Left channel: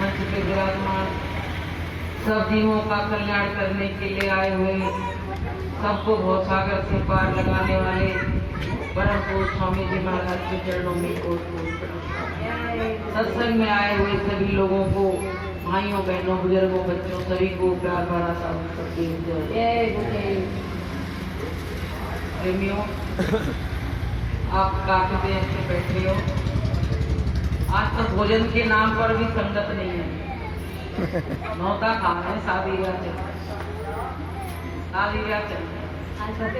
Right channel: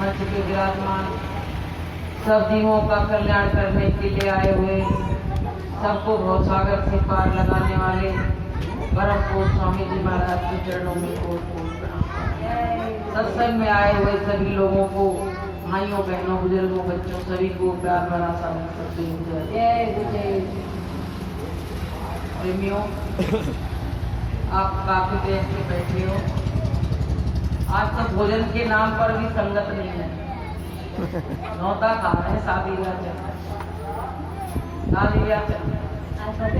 मंच पे विराजमान सब जीवों का कल्याण करने के लिए आए हुए सबको भवसागर से पार लगाने वाले परम पूज्य स्वामी जी महाराज के चरणों में कोट प्रणाम। सत्संग में आए हुए सभी लोगों को, भाइयों बहनों बुजुर्गों बच्चों सभी को प्यार भरा स्वागत करती हूँ। प्रेमियों, आप काफी देर से बैठे हो। आज तक भोजन के नाम पर भी संगत नहीं है। नौता खा रहे हैं, शादी ब्याह चल रहा है, शादी ब्याह चल रहा है।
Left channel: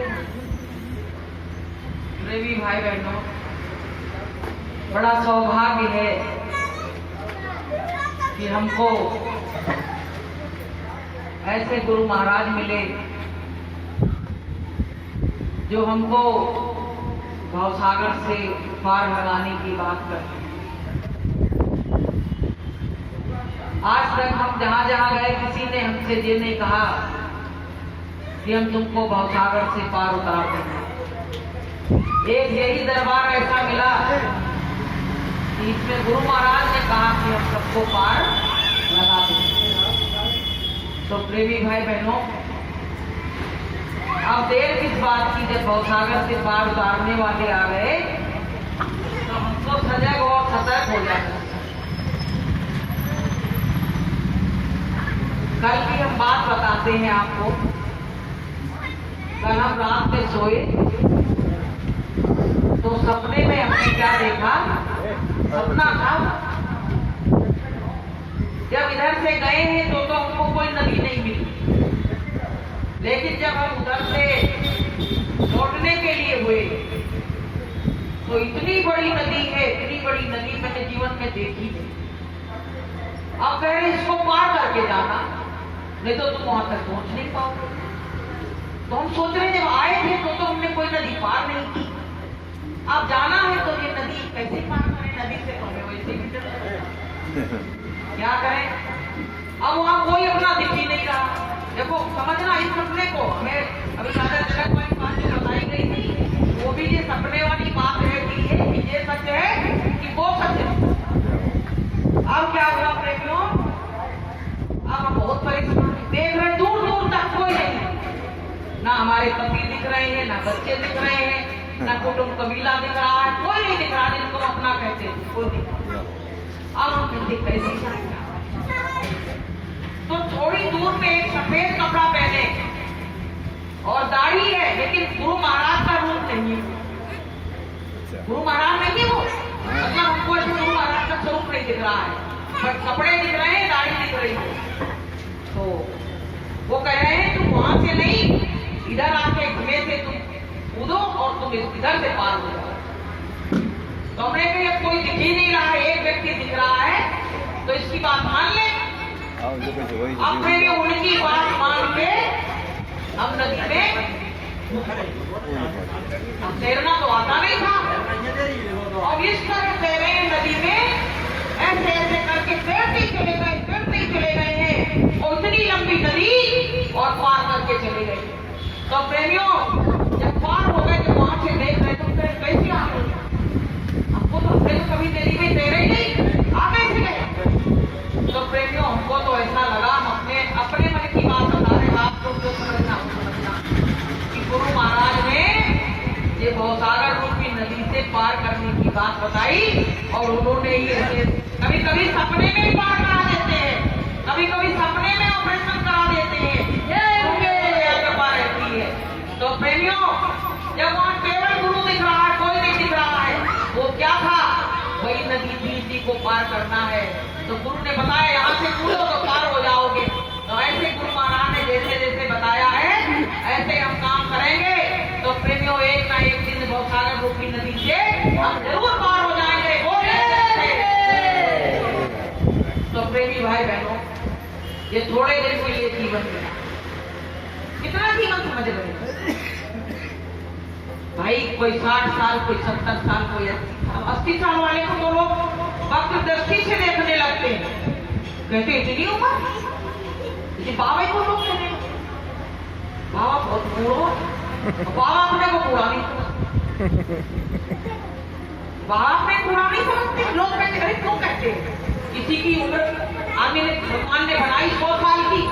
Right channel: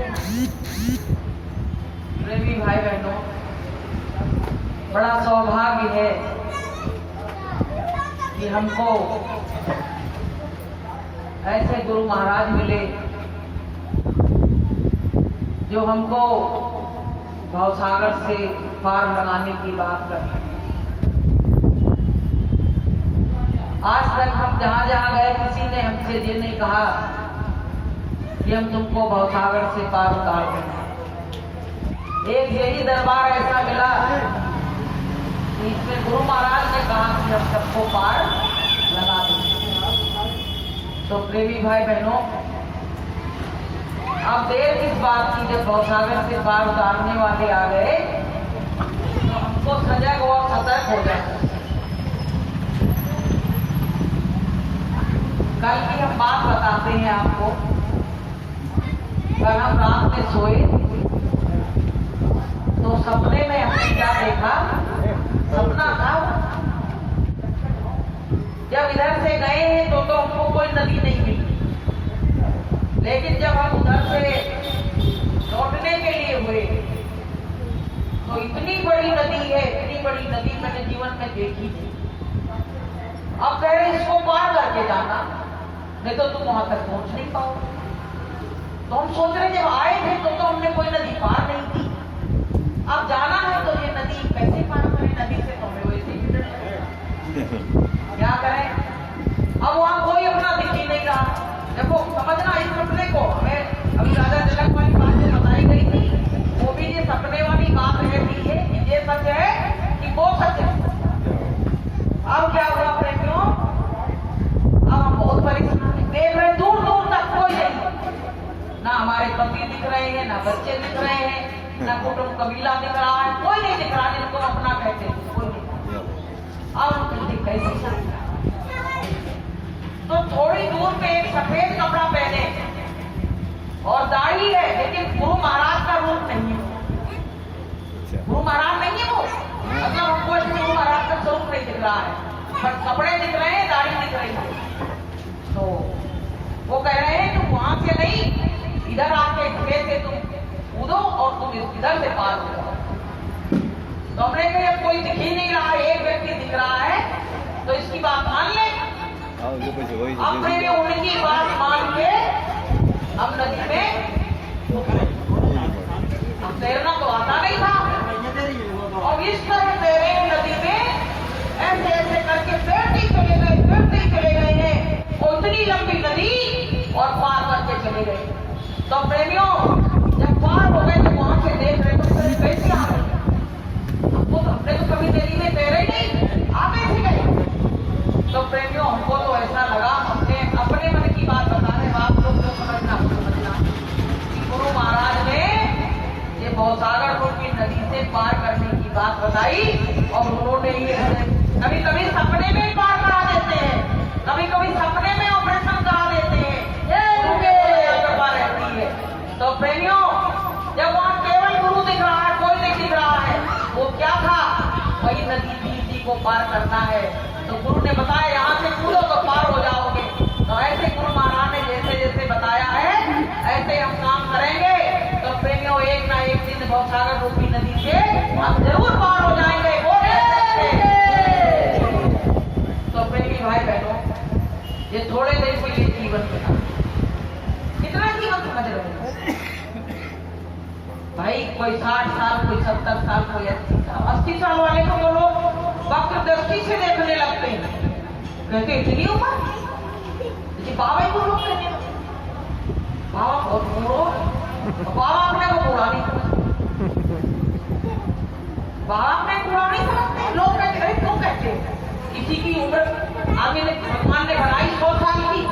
प्रेमी भाई बहनों, बड़ा सौभाग्य है कि हमको ऐसे गुरु महाराज मिले जो हमको भवसागर से पार लगाने की बात करते हैं। आज तक हम जहां जहां गए किसी ने हमसे ये नहीं कहा कि हम तुमको भवसागर से पार उतार देंगे। एक यही दरबार ऐसा मिला कि इसमें गुरु महाराज ने कहा कि हम सबको पार लगा देंगे। तो प्रेमी भाई बहनों, अब देर किस बात की, जब भवसागर से पार उतारने वाले आ गए तो हमको सजग और सतर्क हो जाना। कल की हम बात बताते हैं आपको। कल हम रात में सोए तो सपने में हमने क्या देखा, सपना था जब इधर से गए हैं तो हमको कोई नदी नहीं मिली, लेकिन जब हम उधर से लौटने के लिए हुए तो इतनी बड़ी नदी है, इतनी बड़ी नदी मैंने जीवन में देखी नहीं। अब कह रहे इसको पार करके जाना, नहीं तो तुम वहां तक पहुंच नहीं पाओगे। तो हम सोच रहे जब आए थे तो हमने कोई नदी पार नहीं की, अब जाना है तो ये नदी कैसे पार करें, नदी से तो हमें वैसे ही क्या करें। अब वहां कोई अपना दिख ही नहीं रहा। देखो समझना इस सपने को, हमें अभी दादा तिलक वाली बात जो बताई गई थी वो भी ये सपने वाली बात है कि ये सच है कि वो सच है। अब क्या हुआ प्रेमियों, अब बहुत परेशान देख रहे, दूर दूर तक कोई नहीं, ना हमारे कपी दिख रहे हैं, ना बच्चे दिख रहे हैं, ना कुटुंब कबीला दिख रहा है, कोई नहीं दिख रहा जिनको अपना कहते हैं, कोई नहीं। अब हम कहते कैसे, तो थोड़ी दूर में एक सफेद कपड़ा पहने और दाढ़ी है, लेकिन गुरु महाराज का रूप नहीं है। गुरु महाराज नहीं है वो, मतलब हमको गुरु महाराज का स्वरूप नहीं दिख रहा है, बट कपड़े दिख रहे हैं, दाढ़ी दिख रही है। तो वो कह रहे हैं तुम वहां से नहीं, इधर आके धीरे से तुम कूदो और तुम इधर से पार हो जाओ। तो हमने कही अब कोई दिख ही नहीं रहा है, एक व्यक्ति दिख रहा है तो इसकी बात मान ले। अब फिर उनकी बात मान के हम नदी में, अब तैरना तो आता नहीं था, और इस तरह तैरे नदी में ऐसे ऐसे करके तैरते चले गए हैं, और इतनी लंबी नदी और पार करके चले गए। तो प्रेमियों, जब पार हो गए तो वहां से देख रहे तो फिर कैसे आ गए, हमको तो कभी नदी में तैरे ही नहीं, आ कैसे गए। तो प्रेमियों, हमको तो ऐसा लगा, हमने अपने मन की बात बता रहे, आप लोग जो समझना कि गुरु महाराज ने ये भवसागर रूपी नदी से पार करने की बात बताई, और उन्होंने ये कभी कभी सपने में ही पार करा देते हैं, कभी कभी सपने में ऑपरेशन करा देते हैं, ये कृपा रहती है। तो प्रेमियों, जब वहां केवल गुरु दिख रहा है, कोई नहीं दिख रहा है, वो क्या था, वही नदी थी, इसी को पार करना है। तो गुरु ने बताया यहाँ से कूदो तो पार हो जाओगे। तो ऐसे गुरु महाराज ने जैसे जैसे बताया है ऐसे हम काम करेंगे, तो प्रेमियों एक ना एक दिन भवसागर रूपी नदी से हम जरूर पार हो जाएंगे। तो प्रेमी भाई बहनों, ये थोड़े दिन के लिए जीवन मिला, कितना जीवन समझ रहे भाई, कोई 60 साल, कोई 70 साल, कोई 80 साल। 80 साल वाले को तो लोग वक्त दृष्टि से देखने लगते हैं, कहते इतनी उम्र, इसी बाबा को लोग कहते हैं बाबा बहुत बूढ़ो, बाबा अपने को बूढ़ा नहीं समझते, बाबा अपने बूढ़ा नहीं समझते। लोग कहते हैं क्यों कहते हैं, किसी की उम्र आदमी ने भगवान ने बनाई 100 साल की,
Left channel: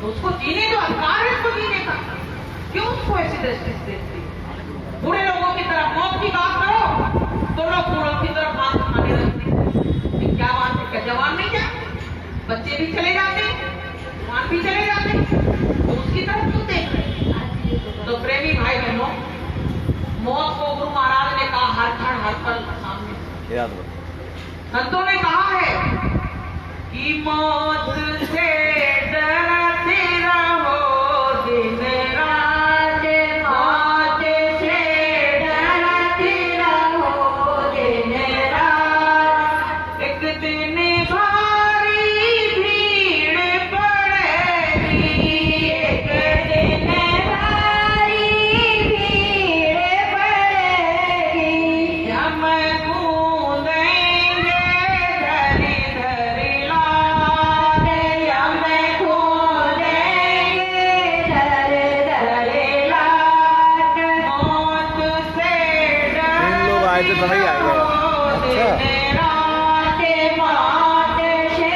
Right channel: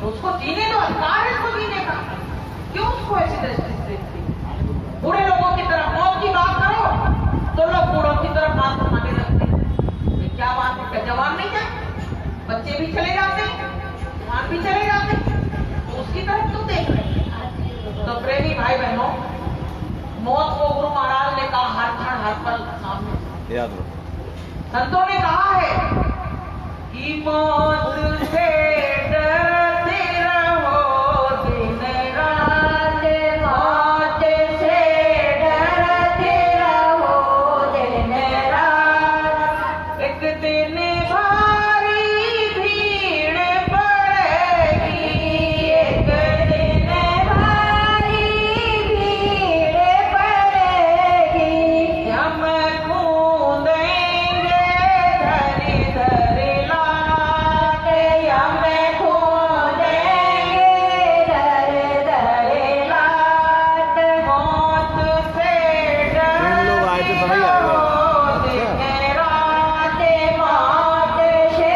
तो उसको जीने दो, अधिकार है उसको जीने का। क्यों उसको ऐसी दृष्टि से देखते? बूढ़े लोगों की तरफ मौत की बात करो तो लोग बूढ़ों की तरफ हाथ उठाने लगते हैं। क्या बात है, जवान नहीं जाए, बच्चे भी चले जाते हैं, जवान भी चले जाते हैं, तो उसकी तरफ क्यों देख रहे हैं? तो प्रेमी भाई बहनों, मौत को गुरु महाराज ने कहा हर क्षण हर पल सामने। याद रखो, संतों ने कहा है कि मौत से डरते रहो दिन रात, मौत से डरते रहो दिन रात। एक दिन भारी भीड़ पड़ेगी, एक दिन भारी भीड़ पड़ेगी, हम गूंदेंगे धरी धरी लाट, हम गूंदेंगे धरी धरी लाट। मौत से तीन लोग आए थे तो वही आए गए। अच्छा, दिन रात, मौत से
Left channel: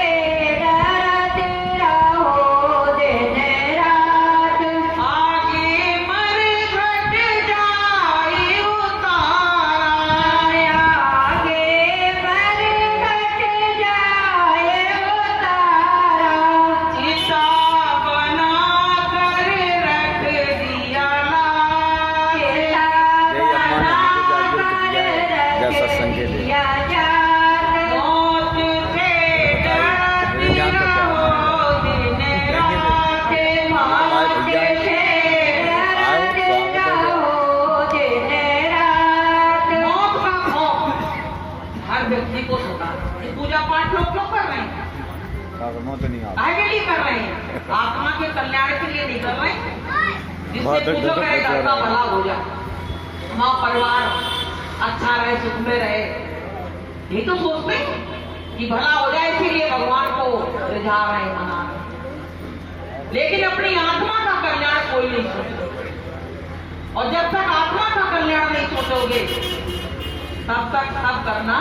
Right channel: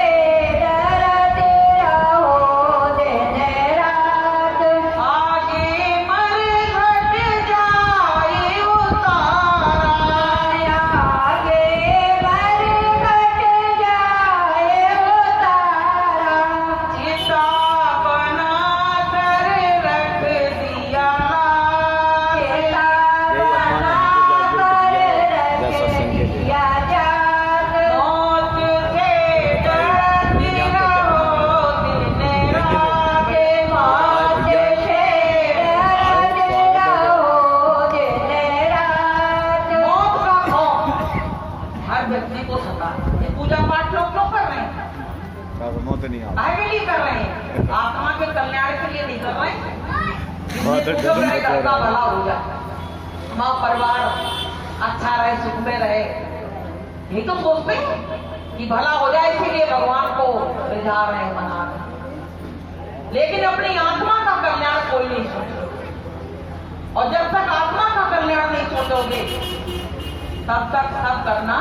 डरते रहो दिन रात। आगे मर घट जाए उतारा, आगे मर घट जाए उतारा। चिता बना कर रख दिया लाल, चिता यही अम्मा ने बना हमको कर जागरूक किया है, रख जैसा संजय दे। दिया जात। मौत से डरते रहो दिन रात, मौत से डरते रहो दिन रात। मौत का खौफ हर व्यक्ति को सताता है। पूजा पाठ लोग क्यों कर रहे हैं? मौत नहीं आता। काहे के लिए कर रहे हैं? आत्मा के कल्याण के लिए नहीं कर रहे हैं। बहुत जिससे डर पूजा करे, मचा सबका रहा है। भला हो जाए, माँ परिवार अच्छा रहे, सुख में रहे, ये तो सोचते हैं कि भला हो जाए, इसीलिए भगवान को रिझा रहे हैं, मना रहे हैं। लेकिन अपनी आत्मा का कल्याण कोई नहीं सोचता, और जब तक आत्मा का कल्याण नहीं सोचोगे तब तक सब करना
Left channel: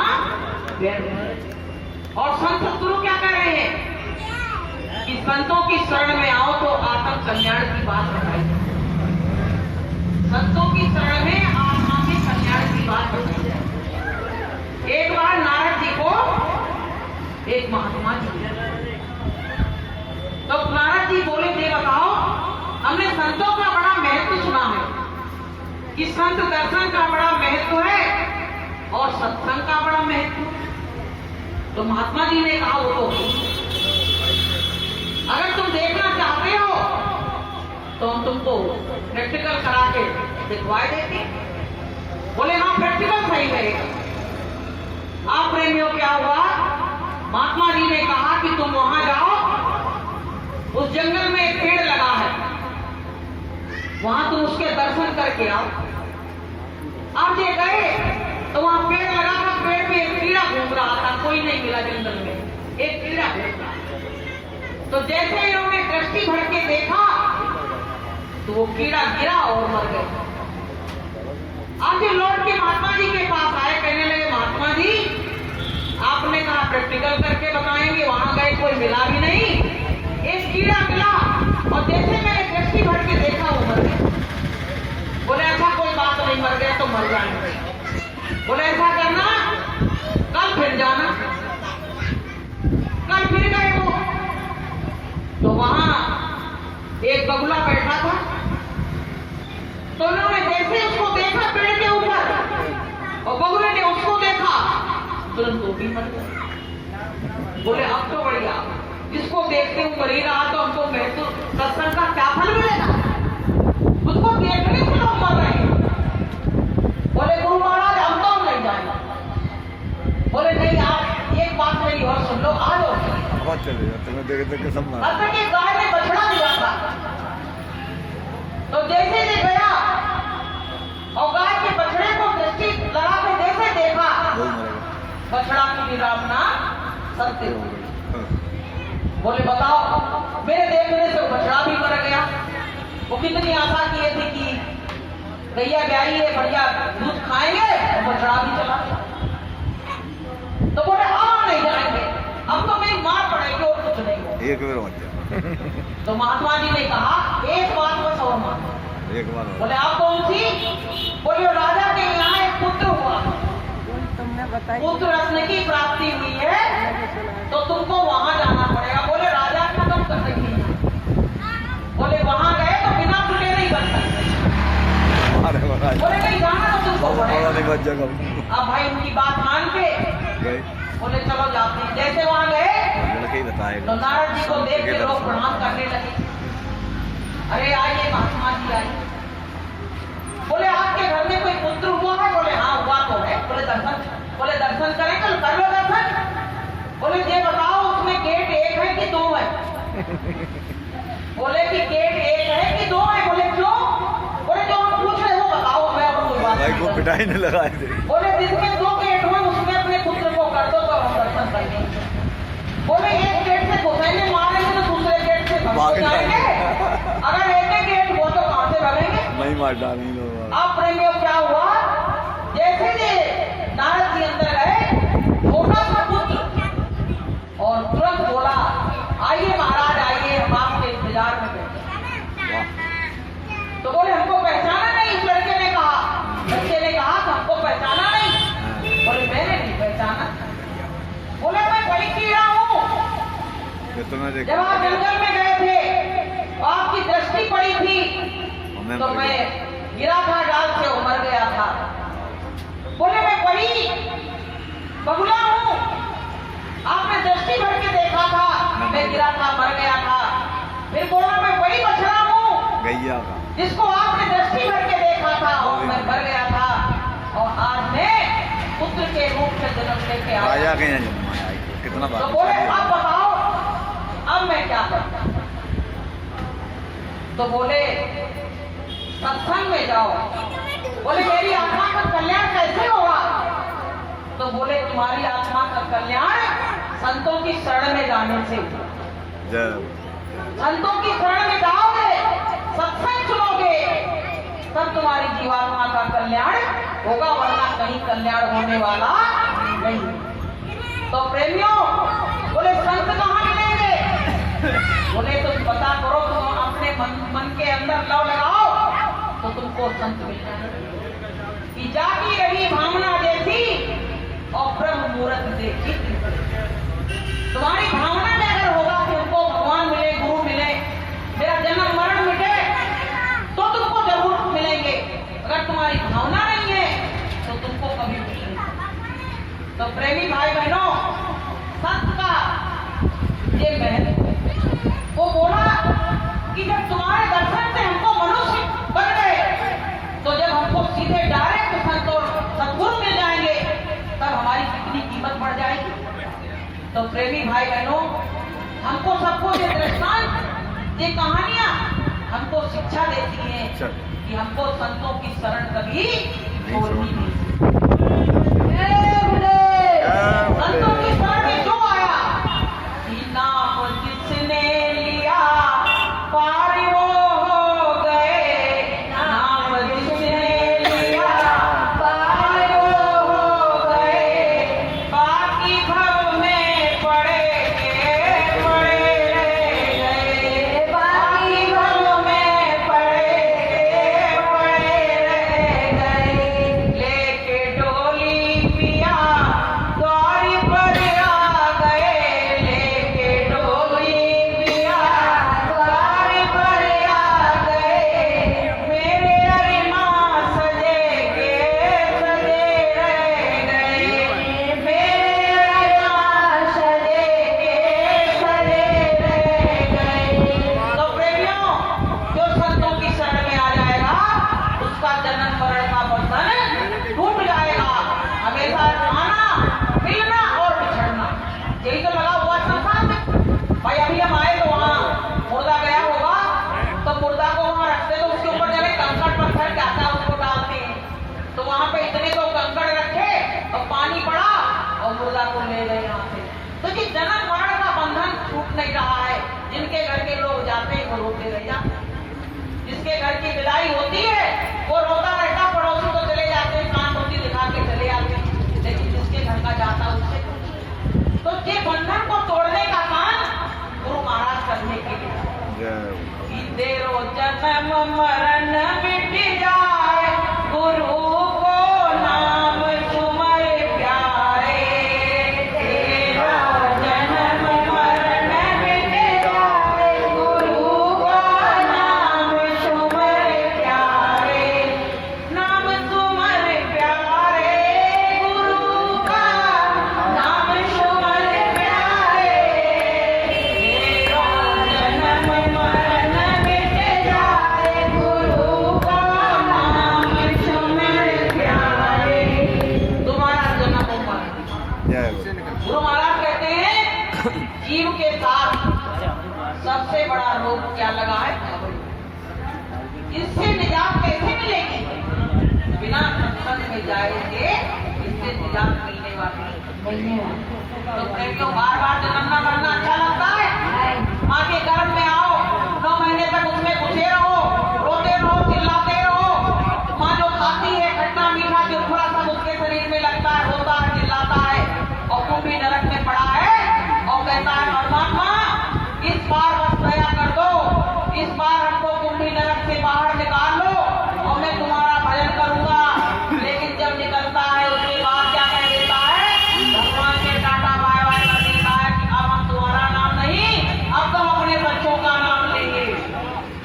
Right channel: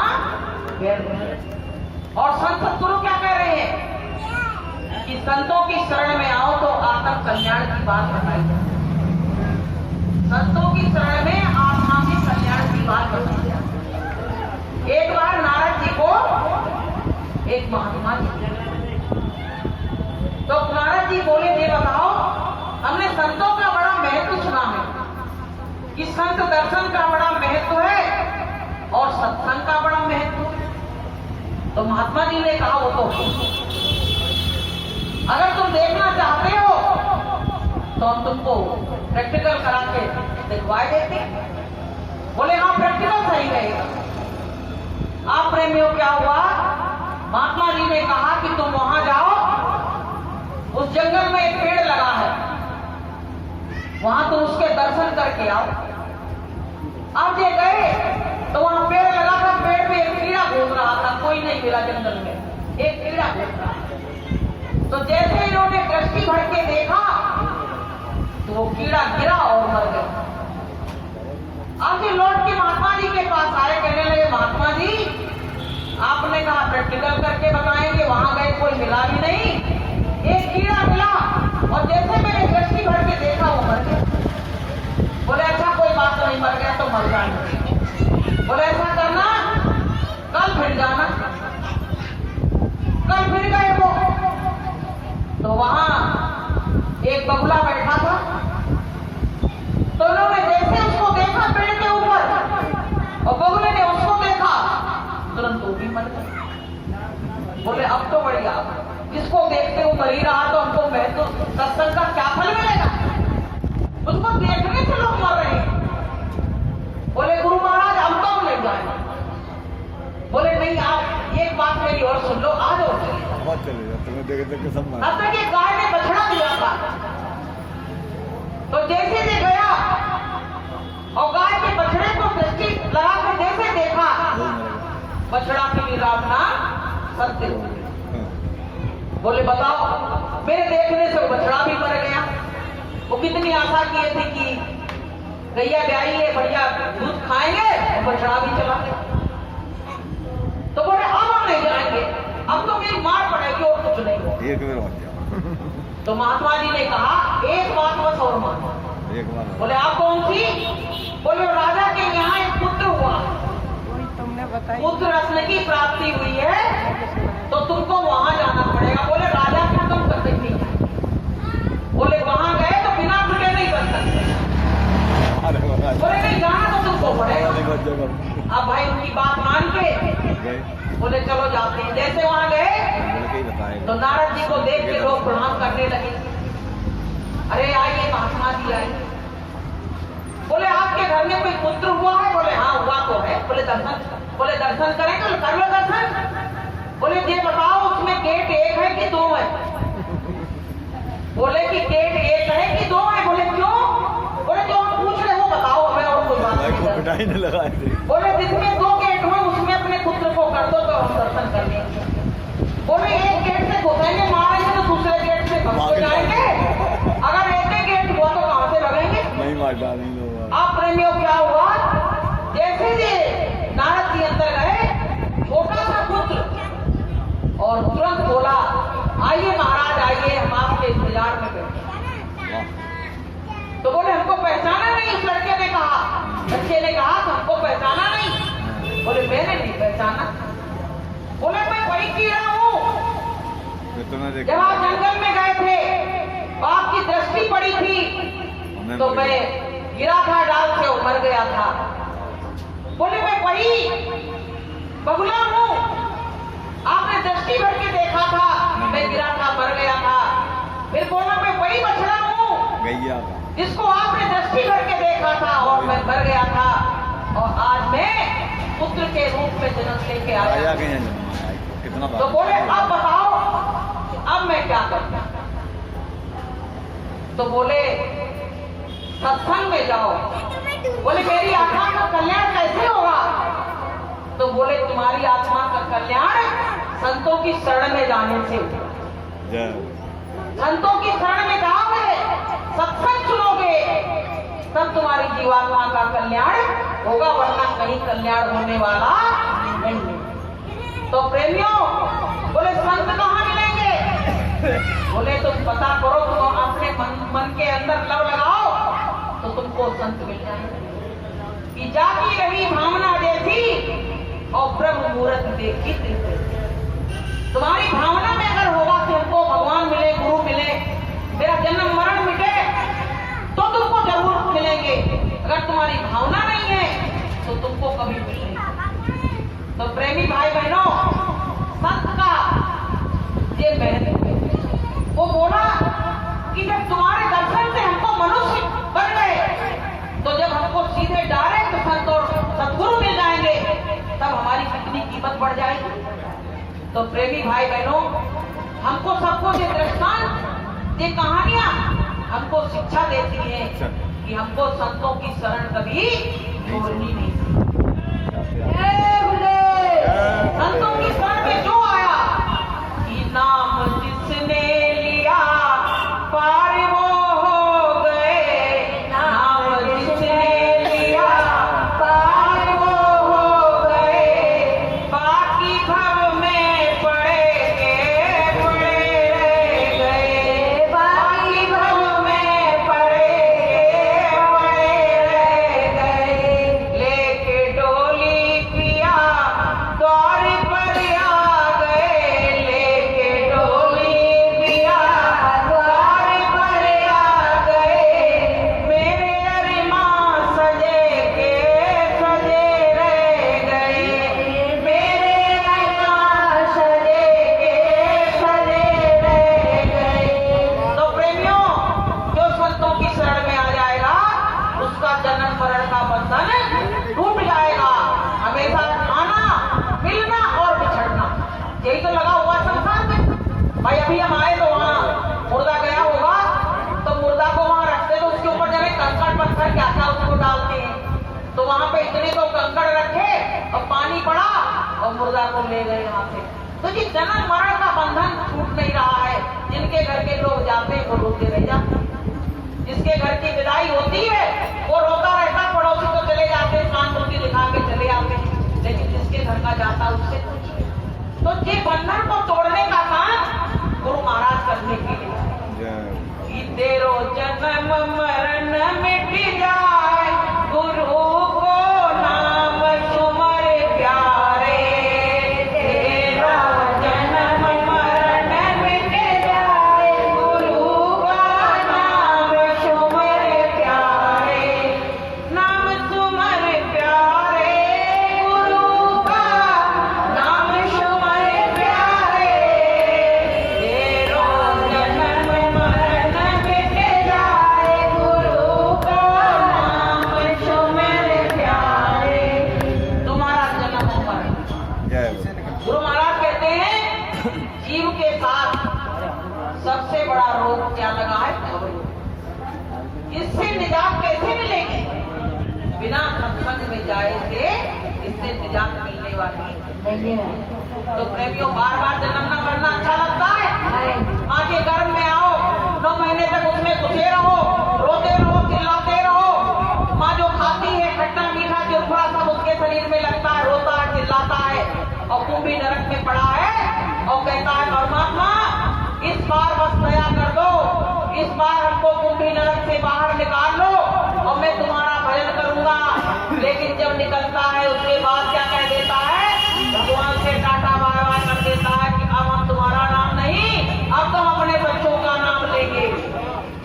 व्यर्थ है। और संत सतगुरु क्या कह रहे हैं कि संतों की शरण में आओ तो आत्म कल्याण की बात बताई। संतों की शरण में आत्मा के कल्याण की बात बताई। एक बार नारद जी को एक महात्मा जी, तो नारद जी बोले, दे बताओ, हमने संतों का बड़ा महत्व सुना है कि संत दर्शन का बड़ा महत्व है और सत्संग का बड़ा महत्व है। तो महात्मा जी ने कहा, वो तो अगर तुम देखना चाहते हो तो हम तुमको प्रैक्टिकल करा के दिखवाए देते। बोले हाँ, प्रैक्टिकल सही रहेगा। आप प्रेमियों, क्या हुआ? महात्मा जी ने कहा कि तुम वहां जाओ, उस जंगल में एक पेड़ लगा है, वहां तुम उसके दर्शन करके आओ। अब ये गए तो वहां पेड़ लगा था, पेड़ पे एक कीड़ा घूम रहा था, कोई नहीं मिला जंगल में, एक कीड़ा घूम रहा। तो जैसे इन्होंने दृष्टि भर के देखा तो वो कीड़ा गिरा और मर गया। आज ये लौट के महात्मा जी के पास आए, कहने लगे, महात्मा जी आपने कहा प्रैक्टिकल करके बताएंगे, वहां गए कोई मिला भी नहीं, एक कीड़ा मिला और जैसे मैंने दृष्टि भर के देखा वो मर गया। बोले अच्छा कोई बात नहीं, मर गया तो मर जाएंगे। बोले ऐसा करना, कल फिर जाना। कल फिर गए वो, तो वहां एक बगुला बैठा था, तो उन्होंने जैसे उसको देखा पेड़ के ऊपर और बगुले ने उसको देखा, तुरंत वो भी मर गया। बोले अब तो बढ़िया, जिसको देखते हुए मर ही रहा तो हमको महत्व सत्संग का क्या फल मिलेगा? उसको देखने से लोग मर रहे हैं। बोले गुरु महाराज हम तो ले जाएंगे। बोले नहीं, आप एक बात मेरी और सुन लो, आ जाओ। बहुत चलेगा, तुम्हें देख देख के सब मार। अब तक एक गाय ने बछड़ा दिया था, तो जैसे से गया और गाय के बछड़े को दृष्टि लगा के जैसे देखा, बछड़ा की निरापना सत्य हो गई। बोले बताओ, मेरे देखने से वो बछड़ा भी मर गया। वो कितनी आशा किए थे कि गैया ब्याई है, बढ़िया दूध खाएंगे, और बछड़ा भी चला गया। तो बोले अब हम नहीं जाएंगे, अब तो मेरी मार पड़ेगी। एक बार मत जाओ। तो महात्मा जी ने कहा एक बात बस और मानो। एक बार बोले आप कौन सी? बोले राजा के यहाँ एक पुत्र हुआ, पुत्र रत्न की प्राप्ति हुई है, तो तुमको वहां जाना पड़ेगा। बोले राजा को तुम कभी नहीं जाना। बोले वहां गए तो बिना टूटे नहीं बन सकते। अरे बोले नहीं जाना तो तुमको पड़ेगा। नहीं बच जाएगा। अब भाई उनकी बात मान के गए बोले चलो जाते हैं। जैसे वहां गए ही बताएगा तो नारद जी को देख के लोग प्रणाम करने लगे। अरे आइए महात्मा जी आइए। बोले आपके घर में कोई पुत्र हुआ है? बोले हाँ हुआ तो है। बोले दर्शन करें? तो कर लो दर्शन। बोले ये बताओ उसमें गेट एक है कि दो है? बोले कि गेट एक है कि दो है? बोले क्यों? बोले जो हम पूछ रहे हो बताओ हमें, और कोई बात भाई नहीं को करनी। पिटाई नहीं लगाए थे। बोले जिसमें दो गेट हुए उसमें अपने पुत्र को कर दो तो हम दर्शन कर लेंगे। बोले एक गेट से घुसेंगे मारेंगे तो दूसरे गेट से भाग जाएंगे। अगर एक ही गेट हुआ तो कहां से लगेंगे? नहीं मार डालेंगे लोग। अब प्रेमियों क्या हुआ? जैसे ही नारद जी अंदर गए, छोटा सा पुत्र और तुरंत बोला आइए महाराज आइए, हम आपके इंतजार में बैठे। तो बोले हमको पहचाना नहीं? उस लड़के ने कहा, बच्चे ने कहा तो हमको पहचाना नहीं? बोले मैंने नहीं पहचाना। बोले मैं वही कीड़ा हूँ। जब आप जंगल में गए थे तो आपकी दृष्टि पड़ी थी तो मैं गिरा था डाल से, वो मर गया था। बोले मैं वही बगुला हूँ, आपने दृष्टि भर के देखा था, मैं गिरा था मर गया था। फिर बोला मैं वही बछड़ा हूँ गैया का, जिसको आपने दृष्टि भर के देखा था और मैं मर गया था, और आज मैं पुत्र के रूप में जन्म लेके आया। राजा के यहाँ जन्म आया, कितना तो बोले अब बताओ अब मैं क्या करता? तो बोले सत्संग में जाओ। बोले मेरी आत्मा का कल्याण कैसे होगा? तो बोले तुम्हारी आत्मा का कल्याण संतों की शरण में जाने से होगा। संतों की शरण में जाओगे, सत्संग सुनोगे, तब तुम्हारी जीवात्मा का कल्याण होगा, वरना कहीं कल्याण होने वाला नहीं। तो प्रेमियों बोले संत कहाँ मिलेंगे? बोले तुम पता करो, तुम अपने मन के अंदर लव लगाओ तो तुमको संत मिल जाएंगे। कि जाती रही भावना जैसी और ब्रह्म मुहूर्त देखी तुम्हारी भावना में अगर होगा कि हमको भगवान मिले, गुरु मिले, मेरा जन्म मरण मिटे, तो तुमको जरूर मिलेंगे। अगर तुम्हारी भावना नहीं है तो तुमको कभी मिलेंगे। तो प्रेमी भाई बहनों, संत का ये महत्व है। वो बोला कि जब तुम्हारे दर्शन से हमको मनुष्य बन गए, तो जब हमको सीधे डायरेक्ट संत और सद्गुरु मिल जाएंगे, तब हमारी कितनी कीमत बढ़ जाएगी। तो प्रेमी भाई बहनों, हमको सबको ये दृष्टांत, ये कहानियां हमको शिक्षा देती हैं कि हमको संतों की शरण कभी छोड़नी नहीं। संतों की शरण में जो आया कि नाम जिसने लिया पार वो हो गए, नाम जिसने लिया पार वो हो गए, बाकी भव में पड़े रह गए, बाकी भव में पड़े रह गए। लेके डोली पिया द्वार पर आ गए, लेके डोली पिया द्वार पर आ गए, मेरे अरमां सजे के सजे रह गए, मेरे अरमां सजे के सजे रह गए। तो प्रेमियों, जो संतों की शरण में आ जाएगा उसका जन्म मरण का बंधन टूट जाएगा। हमेशा आना, मिलना और बिछड़ना, यही तो लगा हुआ संसार में। भाई अभी हम आए तो वहाँ मुर्दा गया होगा, तो मुर्दा को वहाँ रखते तो उसके ऊपर जब कंकड़ पत्थर क्या था उसको डालते हैं, तो वहाँ पे इतने तो कंकड़ रखे और पानी पड़ा और मुर्दा को ले गए यहाँ से। तो जी जन्म मरण का बंधन टूट नहीं रहा है। जिनके घर के लोग जाते हैं वो रोते रह जाते हैं, जिसके घर की विदाई होती है वो रोता रहता, पड़ोसी तो चले जाते हैं, सहानुभूति दिखा के चले आते हैं, लेकिन जिसके घर का जाता उससे तो ये बंधन को तोड़ने का काम गुरु महाराज जीव के साथ सबसे बड़ा रोग क्या लगा है? इससे निजात कैसे मिलेगी? बिना सत्संग में जाए से इससे निजात मिलने वाली नहीं है। तो प्रेमियों, बार बार जन्मना मरना अच्छा लगता है? माँ के गर्भ में आओ, 9 महीने तक उसमें घुसे रहो, रोते रहो, चिल्लाते रहो। माँ जो खाती है खट्टा मीठा चिरकुरा सब उसके शरीर में लगता है, रोता है, चिल्लाता है, और कुंभी नरक में पड़ा है और कहता है परमात्मा इस बार बस दया कर दो, इस बार हमको कुंभी नरक से बाहर निकाल लो और मैं तुम्हारा भजन करूंगा। लेकिन जब निकलता है उसके बाद क्या कह देता है? भगवान से टाटा बाय बाय कर देता है कि अब हम तुम्हारा नाम नहीं, अब तो हम अपने बच्चों का नाम लेंगे।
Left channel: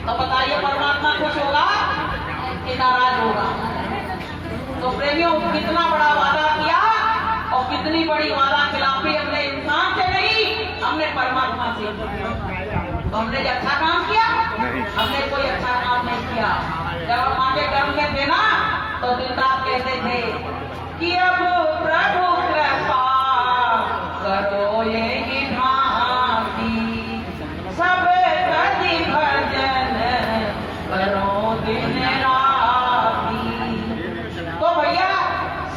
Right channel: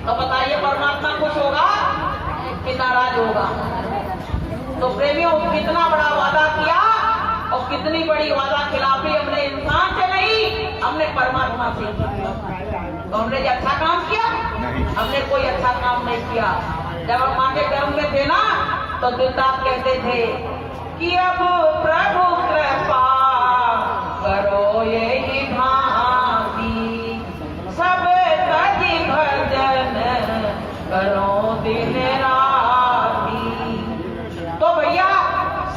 तो बताइए परमात्मा खुश होगा कि नाराज होगा? तो प्रेमियों, कितना बड़ा वादा किया और कितनी बड़ी वादा खिलाफी हमने इंसान से नहीं, हमने परमात्मा से किया। तो हमने जो अच्छा काम किया नहीं, हमने कोई अच्छा काम नहीं किया। जब हम माँ के गर्भ में थे ना तो दिन रात कहते थे कि अब प्रभु कृपा करो यही भांति, सब कति भजन करो दिन राती। तो भैया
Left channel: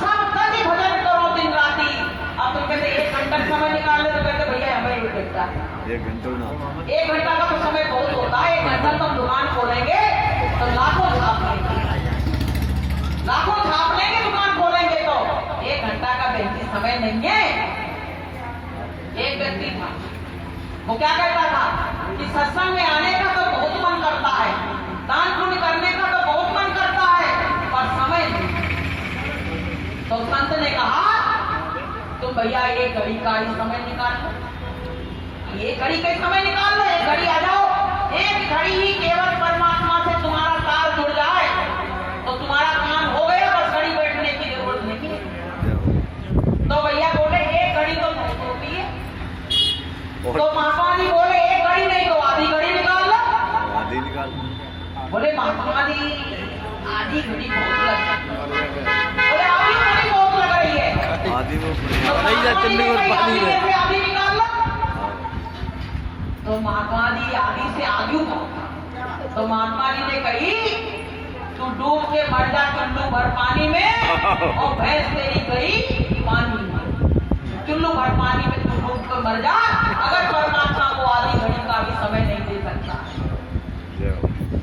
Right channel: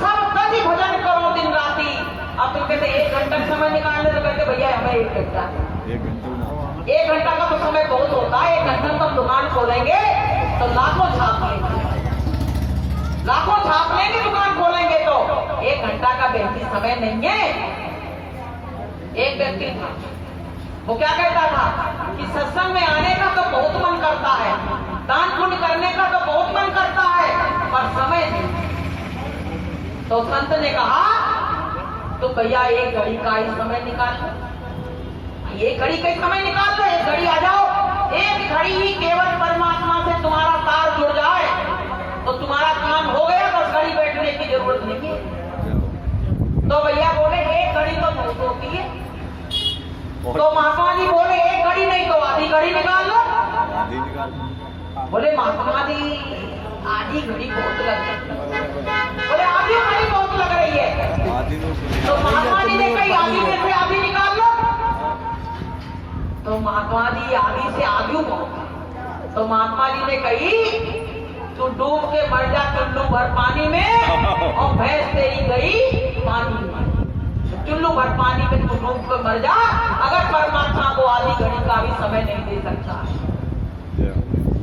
सब कति भजन करो दिन राती। अब तुम कहते 1 घंटा समय निकाल ले, तो कहते भैया हमें 1 घंटा 1 घंटा ना 1 घंटा का तो समय बहुत होता है। 1 घंटा तो हम दुकान खोलेंगे तो लाखों छाप लेंगे, लाखों छाप लेंगे दुकान खोलेंगे तो 1 घंटा का बेहती समय नहीं है। एक व्यक्ति था, वो क्या कहता था कि सत्संग में आने का तो बहुत मन करता है, दान पुण्य करने का तो बहुत मन करता है, पर समय नहीं। तो संत ने कहा तुम भैया 1 घड़ी का ही समय निकाल लो, 1 घड़ी का ही समय निकाल लो, 1 घड़ी आ जाओ। 1 घड़ी ही केवल परमात्मा से तुम्हारा तार जुड़ जाए तो तुम्हारा काम हो गया, बस घड़ी बैठने की जरूरत नहीं है। तो भैया बोले 1 घड़ी तो बहुत होती है। तो महात्मा जी बोले 1 घड़ी नहीं तो आधी घड़ी निकाल लो। आधी निकाल। बोले महात्मा जी आधी घड़ी बहुत लग, बोले आधी घड़ी बहुत लग रही है। आधी में तो महात्मा जी ने कही आधी में से आधी निकाल लो। तो महात्मा जी आधी से आधी पहुंचा। तो महात्मा जी ने कही तू डूब के मर जा चुल्लू भर पानी में, और भैंस तेरी गई पानी में। चुल्लू भर पानी में तू डूब के मर जा, अगर परमात्मा को आधी घड़ी का भी समय नहीं दे सकता।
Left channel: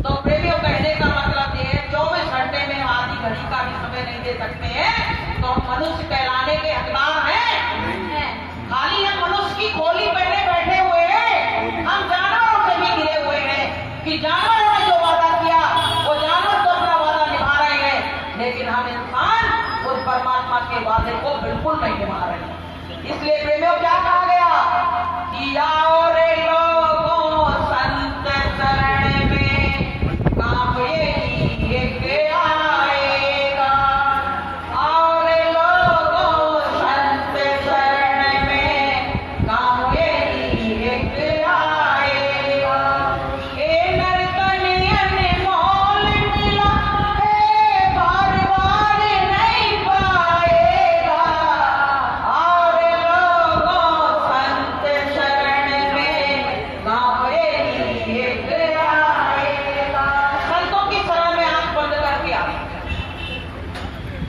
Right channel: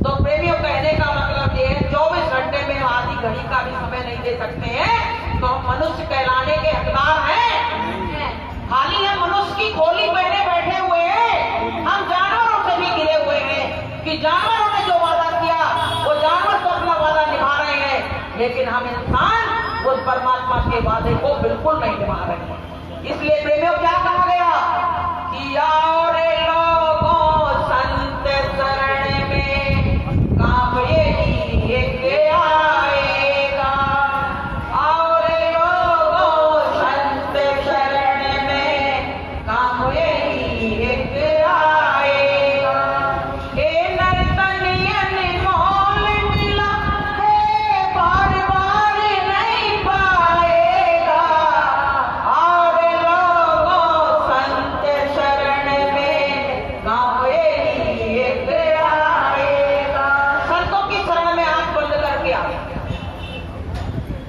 तो प्रेमियों, कहने का मतलब ये है 24 घंटे में हम आधी घड़ी का भी समय नहीं दे सकते हैं तो हम मनुष्य कहलाने के हकदार हैं? खाली हम मनुष्य की खोली पहने बैठे हुए हैं। हम जानवरों से भी गिरे हुए हैं कि जानवरों ने जो वादा किया वो जानवर तो अपना वादा निभा रहे हैं, लेकिन हम इंसान उस परमात्मा के वादे को बिल्कुल नहीं निभा रहे हैं। इसलिए प्रेमियों, क्या कहा गया कि आओ रे लोगों संत शरण में, काम यही एक आएगा। आओ रे लोगों संत शरण में, काम यही एक आएगा। ए नर्तनियन मोल मिला है, बार बार नहीं पाएगा। आओ रे लोगों संत शरण में, काम यही एक आएगा। संतों की शरण में आंख बंद करके आ,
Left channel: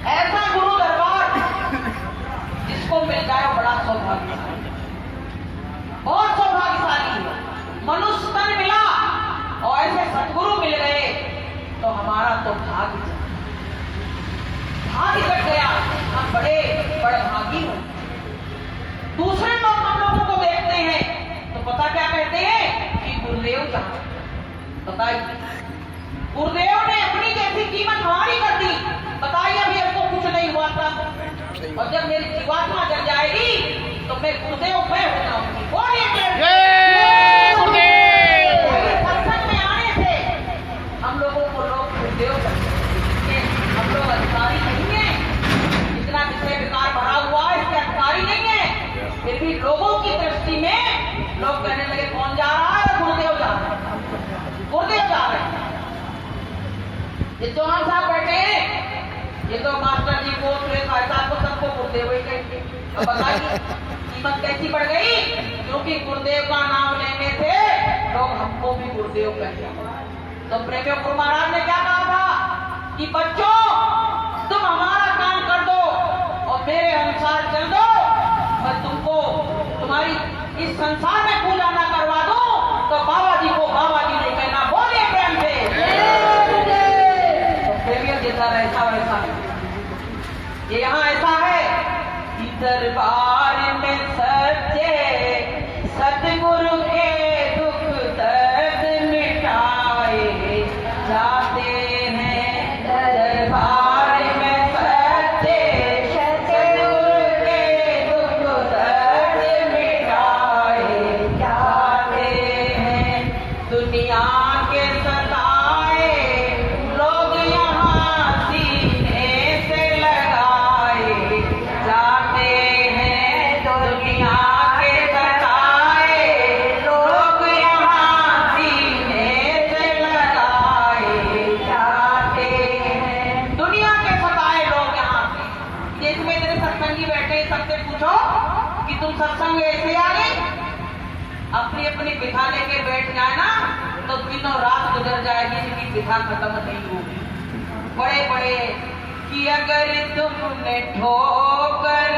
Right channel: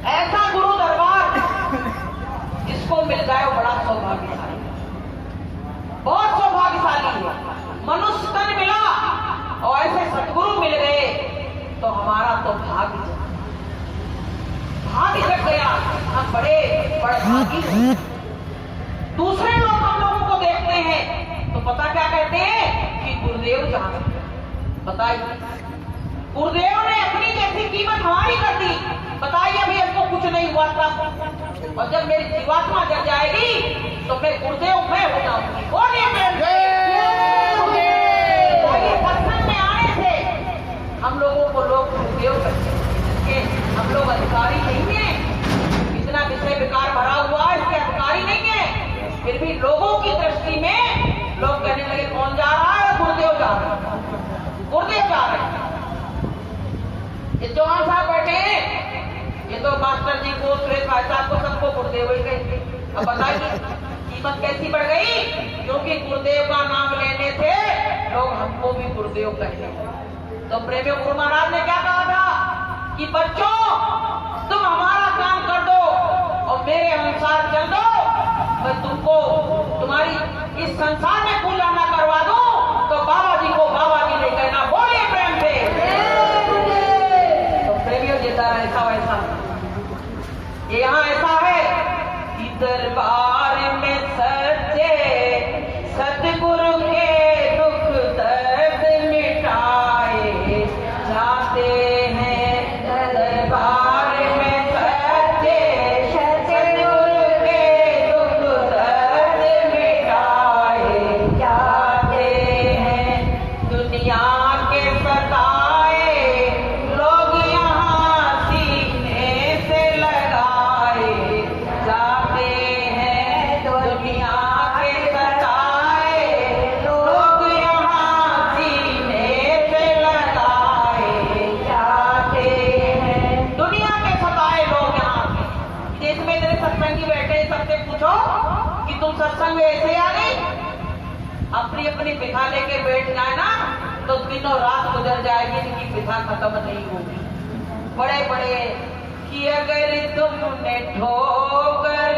ऐसा गुरु दरबार जिसको मिल जाए वो बड़ा सौभाग्यशाली, बहुत सौभाग्यशाली है। मनुष्य तन मिला और ऐसे सदगुरु मिल गए तो हमारा तो भाग्य जग गया। हम बड़े बड़े भागी हैं। दूसरे लोग हम लोगों को देखते हैं तो पता क्या कहते हैं कि गुरुदेव जहां, बताइए गुरुदेव ने अपनी जैसी कीमत हमारी कर दी। बताइए अभी हमको कुछ नहीं हुआ था, और जब मेरी जीवात्मा जग जाएगी तो मैं गुरुदेव मैं हो जाऊंगी। सत्संग में आने से हम लोगों को लोग गुरुदेव कहते हैं। हम लोग अधिकारी नहीं है, इतना विषय विकार भरा हुआ है इसके अधिकारी नहीं है। फिर भी लोगों की दृष्टि में लोग कहने लगे कौन जा रहा है? गुरुदेव जा रहे हैं, गुरुदेव जा रहे हैं। ये चौहान साहब बैठे हैं, ये तो मास्टर जी को सुरेश भाई साहब को सबको गुरुदेव ही कहते हैं। अब बताइए कि कीमत कैसी बढ़ गई? क्योंकि गुरुदेव का नाम लेने से लोग हमको भी गुरुदेव कहते हैं। तो प्रेमियों, गुरु महाराज ने क्या कहा था कि बच्चों, तुम हमारा काम कर दो और मेरे अनुसार चल दो, मैं तुमको तुम्हारी इस संसार में पूजा न करवा दूं तो बाबा जी को बाबा जी ने कहना। बोलिए प्रेम से। तो प्रेमियों, जैसा ऐसा वैसा यहाँ ऐसा है कि दरबार में सच्चे सतगुरु के दुख दर्द मिटाए जाते हैं। दरबार में सच्चे सतगुरु के दुख दर्द मिटाए जाते हैं। दुनिया के सताए लोग यहाँ सीने से लगाए जाते हैं। दुनिया के सताए लोग यहाँ सीने से लगाए जाते हैं। दुनिया के सताए लोग यहाँ से। इसमें मेरे सत्संगी बैठे सबसे पूछो कि तुम सत्संग में ऐसे आ गए? अपनी अपनी बिठा लेके बैठ जाए ना तो दिनों रात गुजर जाएगी, इनकी बिठा खत्म नहीं होगी। बड़े बड़े कि अगर तुमने ठोकर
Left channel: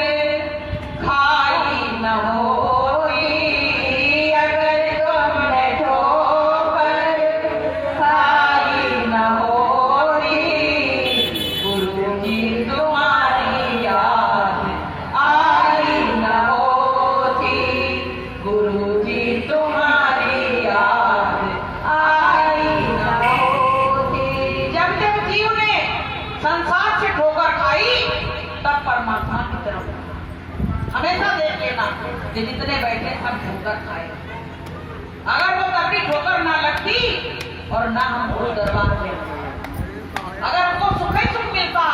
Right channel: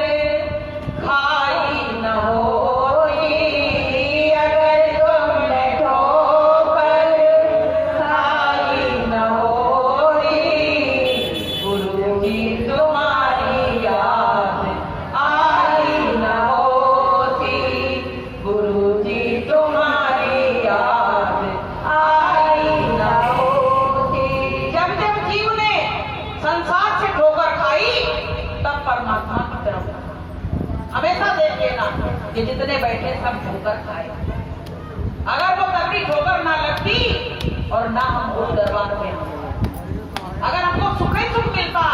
खाई न होती, अगर तुमने ठोकर खाई न होती, गुरु जी तुम्हारी याद आई न होती, गुरु जी तुम्हारी याद आई न होती। जब जब जीव ने संसार से ठोकर खाई तब परमात्मा की तरफ हमेशा देख लेना कि जितने बैठे सब ठोकर खाए। अगर वो तगड़ी ठोकर ना लगती और ना हम उस दरबार में, अगर हमको सुख ही सुख मिलता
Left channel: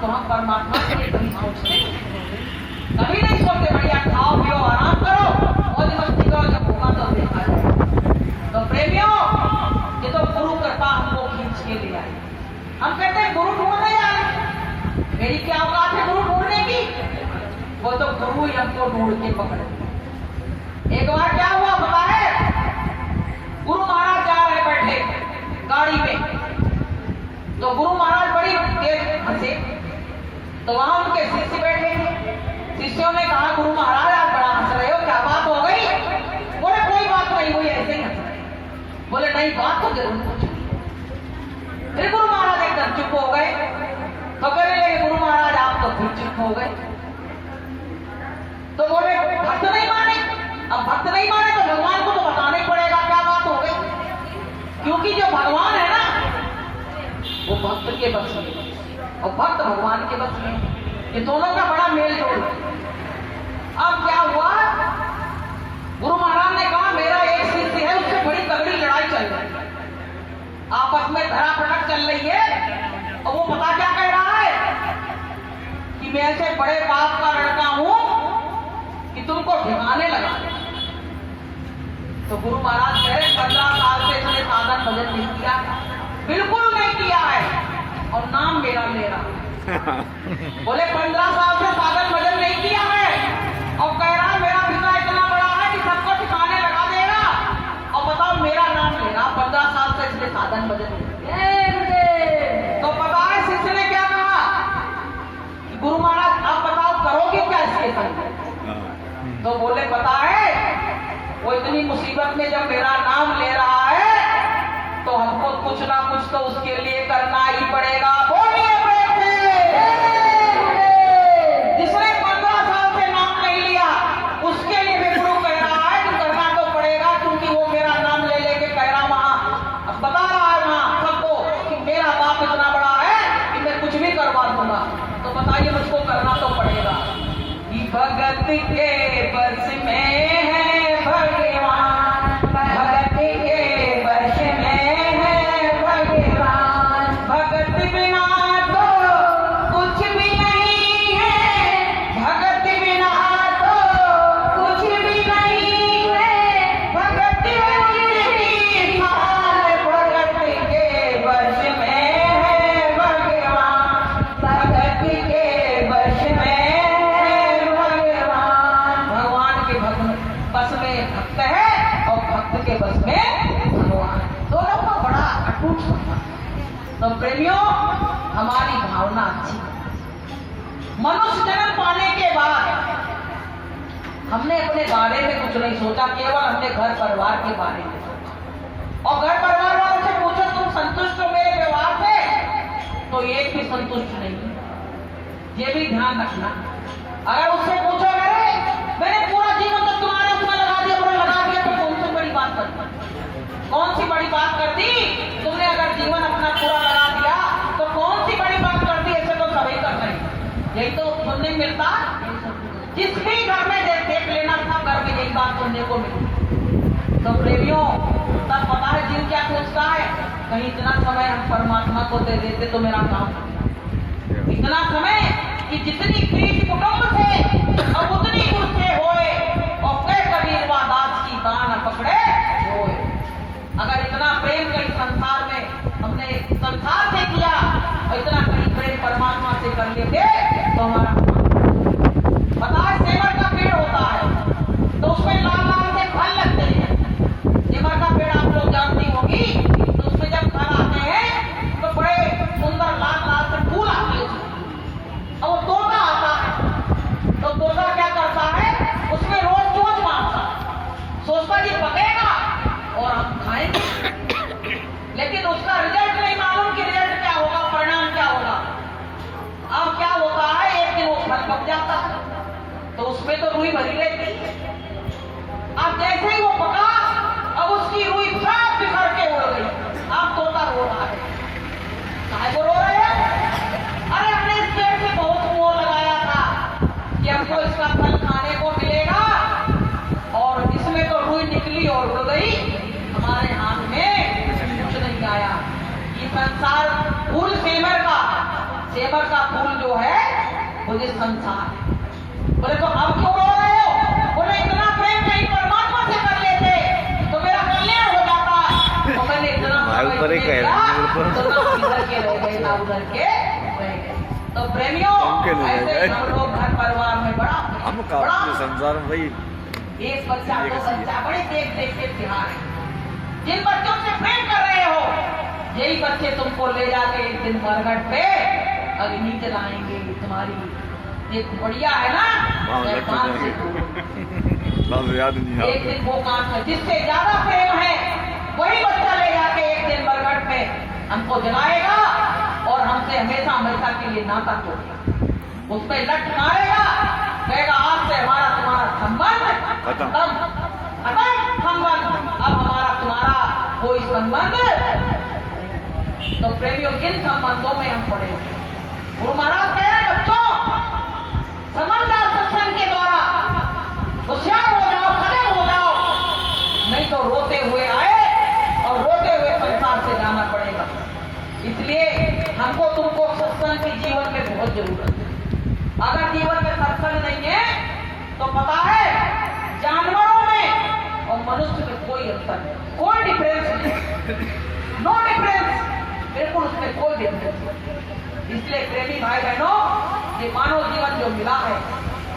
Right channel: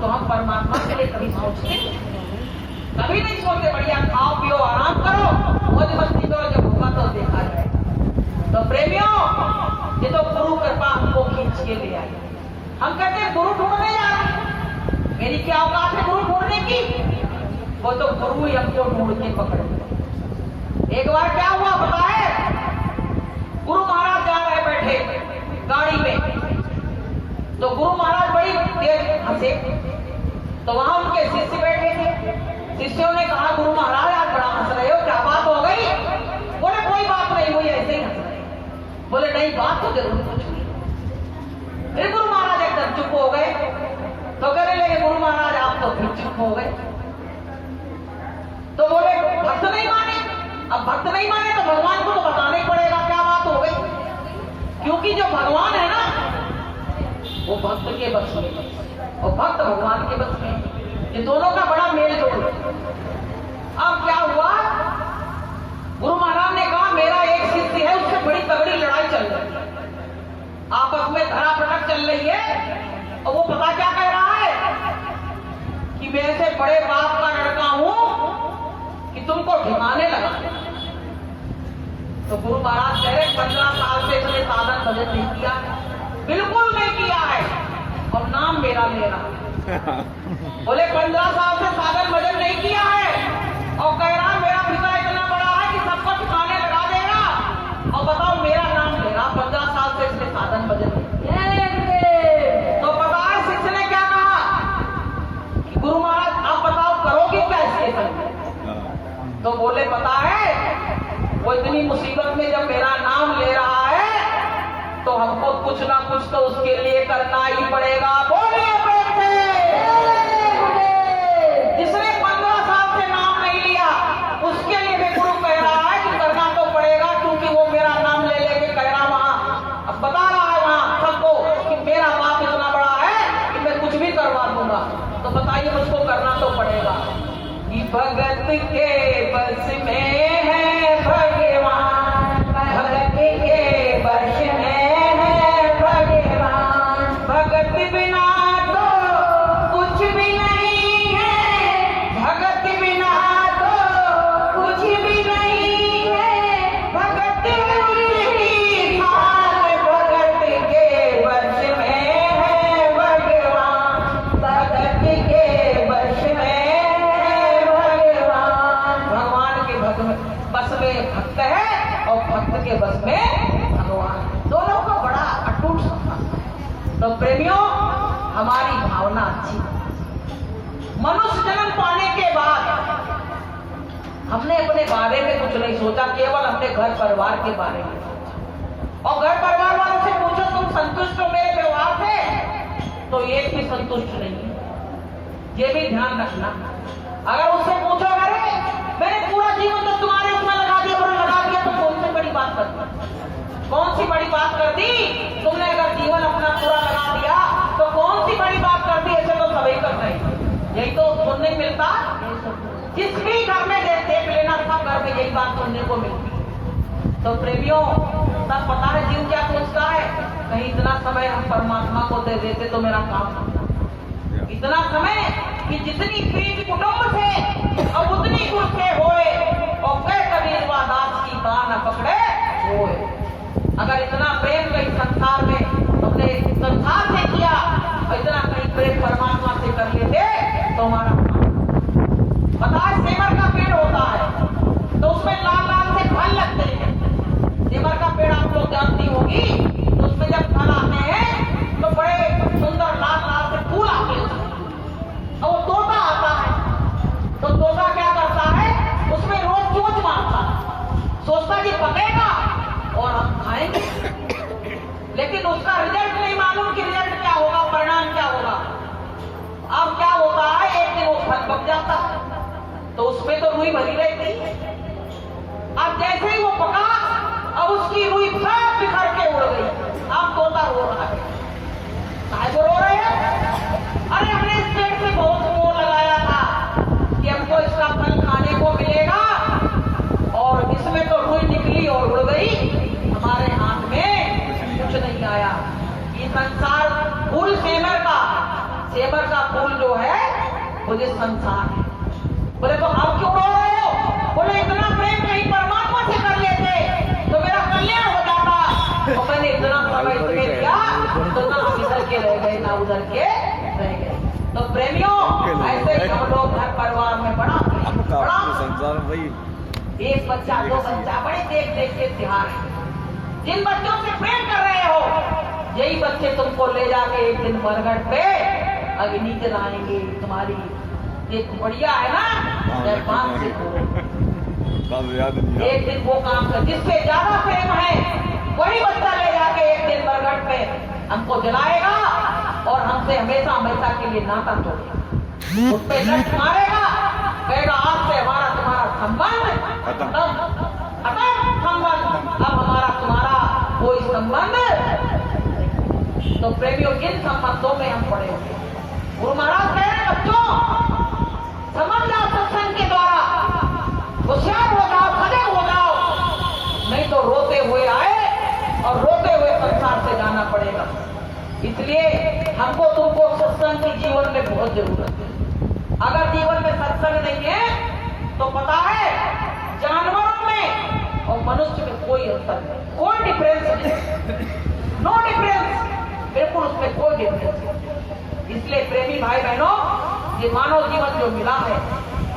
तो हम परमात्मा के लिए कभी सोचते कभी नहीं सोचते। बढ़िया खाओ पियो आराम करो, मौज मस्ती करो, जब भूखा तो देखा जाए। तो प्रेमियों, ये तो गुरु कृपा हमको खींच के ले आई। हम कहते हैं गुरु ढूंढने जा रहे, मेरी क्या औकात है गुरु ढूंढने की? वो तो गुरु ही हमको ढूंढ के पकड़े। एक बार क्या हुआ पता है? गुरु महाराज जा रहे बैठे गाड़ी में, तो गुरु महाराज बड़ी तेज हंसे। तो वहां उनके शिष्य बैठे थे। शिष्यों ने कहा, गुरु महाराज आप बड़ा हंस रहे हो, क्या बात हो गई? बोले कोई बात नहीं हुई, ऐसे ही हंस रहे। बोले नहीं, बात तो जरूर कुछ हुई। फिर गुरु महाराज एकदम चुप हो गए। तो कहने लगे, गुरु महाराज आप तो फिर चुप हो गए। तो बोले भक्त नहीं माने। अब भक्त नहीं माने तो भगवान को तो बताना ही पड़ेगा क्या बात हो गई, क्योंकि जो भगवान है ना वो भक्त के बस में और भक्त भगवान के बस में, ये दोनों का बड़ा मेल जोल। अब क्या हुआ? गुरु महाराज ने कहा, मेरा एक शिष्य है, उससे बड़ी तगड़ी लड़ाई चल रही है, आपस में धरा पटक चल रही है। और वो पता क्या कह रहा है कि मैं ऐसे बड़े बाप का लड़का हूं कि तुमको ठिकाने लगा। तो गुरु महाराज कह रहे 15 साल से इसने साधन भजन नहीं किया, बिल्कुल नहीं किया है, और नाम मेरा ले रहा। बोले 15 साल से साधन भजन नहीं किया है और कह रहा मेरा पिता इतना बड़ा है कि सबको ठिकाने लगा देगा, और बताओ मेरा नाम ले रहा। 15 साल से इसने साधन भजन नहीं किया। तो पता है शिष्य ने क्या कहा? गुरु महाराज अब बताओ करोगे क्या इसके संग? तो बोले पता है, वो इतनी मुसीबत में जब मेरा नाम ले रहा है तो हमको कुछ ना कुछ तो उसके लिए करना ही पड़ेगा। बोलिए प्रेम से। जिसने 15 साल से नाम नहीं लिया उसके लिए भी गुरु कह रहा है कि करना तो पड़ेगा, क्योंकि वो मेरा नाम ले लेके कह रहा वहां, अब बता रहा है वहां सबको कि मेरा बाप इतना बड़ा है कि मैं कुछ भी करवा दूंगा। तो बताइए मुझको करना तो पड़ेगा। भगत के बस में है भगवान, भगत के बस में है भगवान, भगत बिना तो कुछ भी नहीं है, भगत बिना तो कुछ भी नहीं है, भगत की हाल भगत के बस में है भगवान, भगत के बस में भक्त के बस में भगवान है। दोनों का बड़ा अटूट संबंध। तो प्रेमियों, हमारी भावना अच्छी। मनुष्य जन्म पाने के बाद हमने अपने बारे में कुछ नहीं सोचा, केवल हमने घर परिवार के बारे में सोचा। और घर परिवार वालों से पूछो तुम संतुष्ट हो मेरे व्यवहार से, तो एक भी संतुष्ट नहीं है। ये भी ध्यान रखना। अगर उससे पूछो अरे मैंने पूरा जीवन तो तुम्हारे उसमें लगा दिया तो कौन सी बड़ी बात कर दी? कौन सी बड़ी बात कर दी? तुमने अगर जीवन अपना पूरा लगा दिया तो कौन सी बड़ी बात कर दी? ऐसे तो सभी कर रहे हैं। यही तो सुनने मिलता। जिस भी घर में देख लेना, सब घर में यही बात सुनने को मिलती। तो प्रेमियों, तब पता है जीव क्या सोचता है, कहीं इतना समय हम परमात्मा को दे देते तो मेरा काम होता। इतना समय कि जितनी प्रीति कुटुंब से और उतनी गुस्से होए, और कई कबीर दास की बान पकड़े होए। अगर इतना प्रेम कहीं संसार में हमने संसार से किया और इतना कहीं प्रेम परमात्मा से कर लेते तो हमारा पता है सेमर का पेड़ होता है तो उसमें लाल लाल से फल लगते हैं। सेमर का पेड़ आप लोग जानती होगी, तो उसमें जब फल आते हैं तो बड़े सुंदर लाल लाल से फूल आते हैं। और वो तोता आता है तो तोता क्या करता है, उसमें रोज चोंच मारता, सोचता कि पकेगा और हम खाएंगे। लेकिन उसका रिजल्ट नहीं मालूम कि रिजल्ट क्या होगा, परिणाम क्या होगा। अब क्या होता है, एक दिन वो फल पक जाता है तो उसमें तो रुई भरी रहती। अब जैसे ही वो पका अब उसकी रुई सब बिखर के उड़ गई। अब तोता रो रहा है। काहे को रो रहे हैं? अरे हमने इस पेड़ से बहुत मोह लगाया था कि हमको इसका फल खाने को मिलेगा, और इसमें तो रुई निकली और उड़ गई, हमारे हाथ में कुछ नहीं आया। ये संसार फूल सेमर का फूल जो है वो ये संसार है। बोले तो अब क्यों रो रहे हो? बोले इतना प्रेम कहीं परमात्मा से कर लेते तो मेरा कल्याण हो जाता। और मैंने इतना दिया तो ना इधर के रह गए ना उधर के रह गए। तो प्रेमियों, ऐसे हम लोग घर परिवार में बड़ा संसार में भाई एक बच्चा दो बच्चा बड़े देख देख के ध्यान है। जिन बच्चों से प्रेम कर रहे हो, यही बच्चे तुमको ले जाके एक दिन बरगढ़ पे अग्नि जलाएंगे तुम्हारी। एक बढ़िया है ना, याद नहीं। एक दिन वो काम कर, जिससे ज्यादा प्रेम है वही बच्चा ले जाके एक दिन बरगढ़ पे हमको जलाएगा और हमसे हमेशा हमेशा के लिए नाता तोड़ेगा। उस पर लट मारेगा, कहेगा आज से हमारा तुम्हारा संबंध खत्म, संबंध, अब हमारा तुम्हारा कोई संबंध। तो प्रेमियों, किन संबंधों में हम पड़े होते? गुरु महाराज कह रहे हैं बच्चों, समझदार सत्संग के द्वारा होशियार हो जाओ, सजग हो जाओ, नहीं तो रोते हुए आए और रोते हुए संसार से जाना पड़ेगा। इसलिए हमको तुमको सत्संग की जीवन में बहुत जरूरत है। अगर जीवन में सत्संग नहीं है तो पता है जानवरों में और मनुष्य में कोई अंतर नहीं, कोई डिफरेंस नहीं, नो डिफरेंस, बिल्कुल उसमें कोई डिफरेंस नहीं। इसलिए प्रेमी भाई बहनों, ये मानव जीवन जो मिला है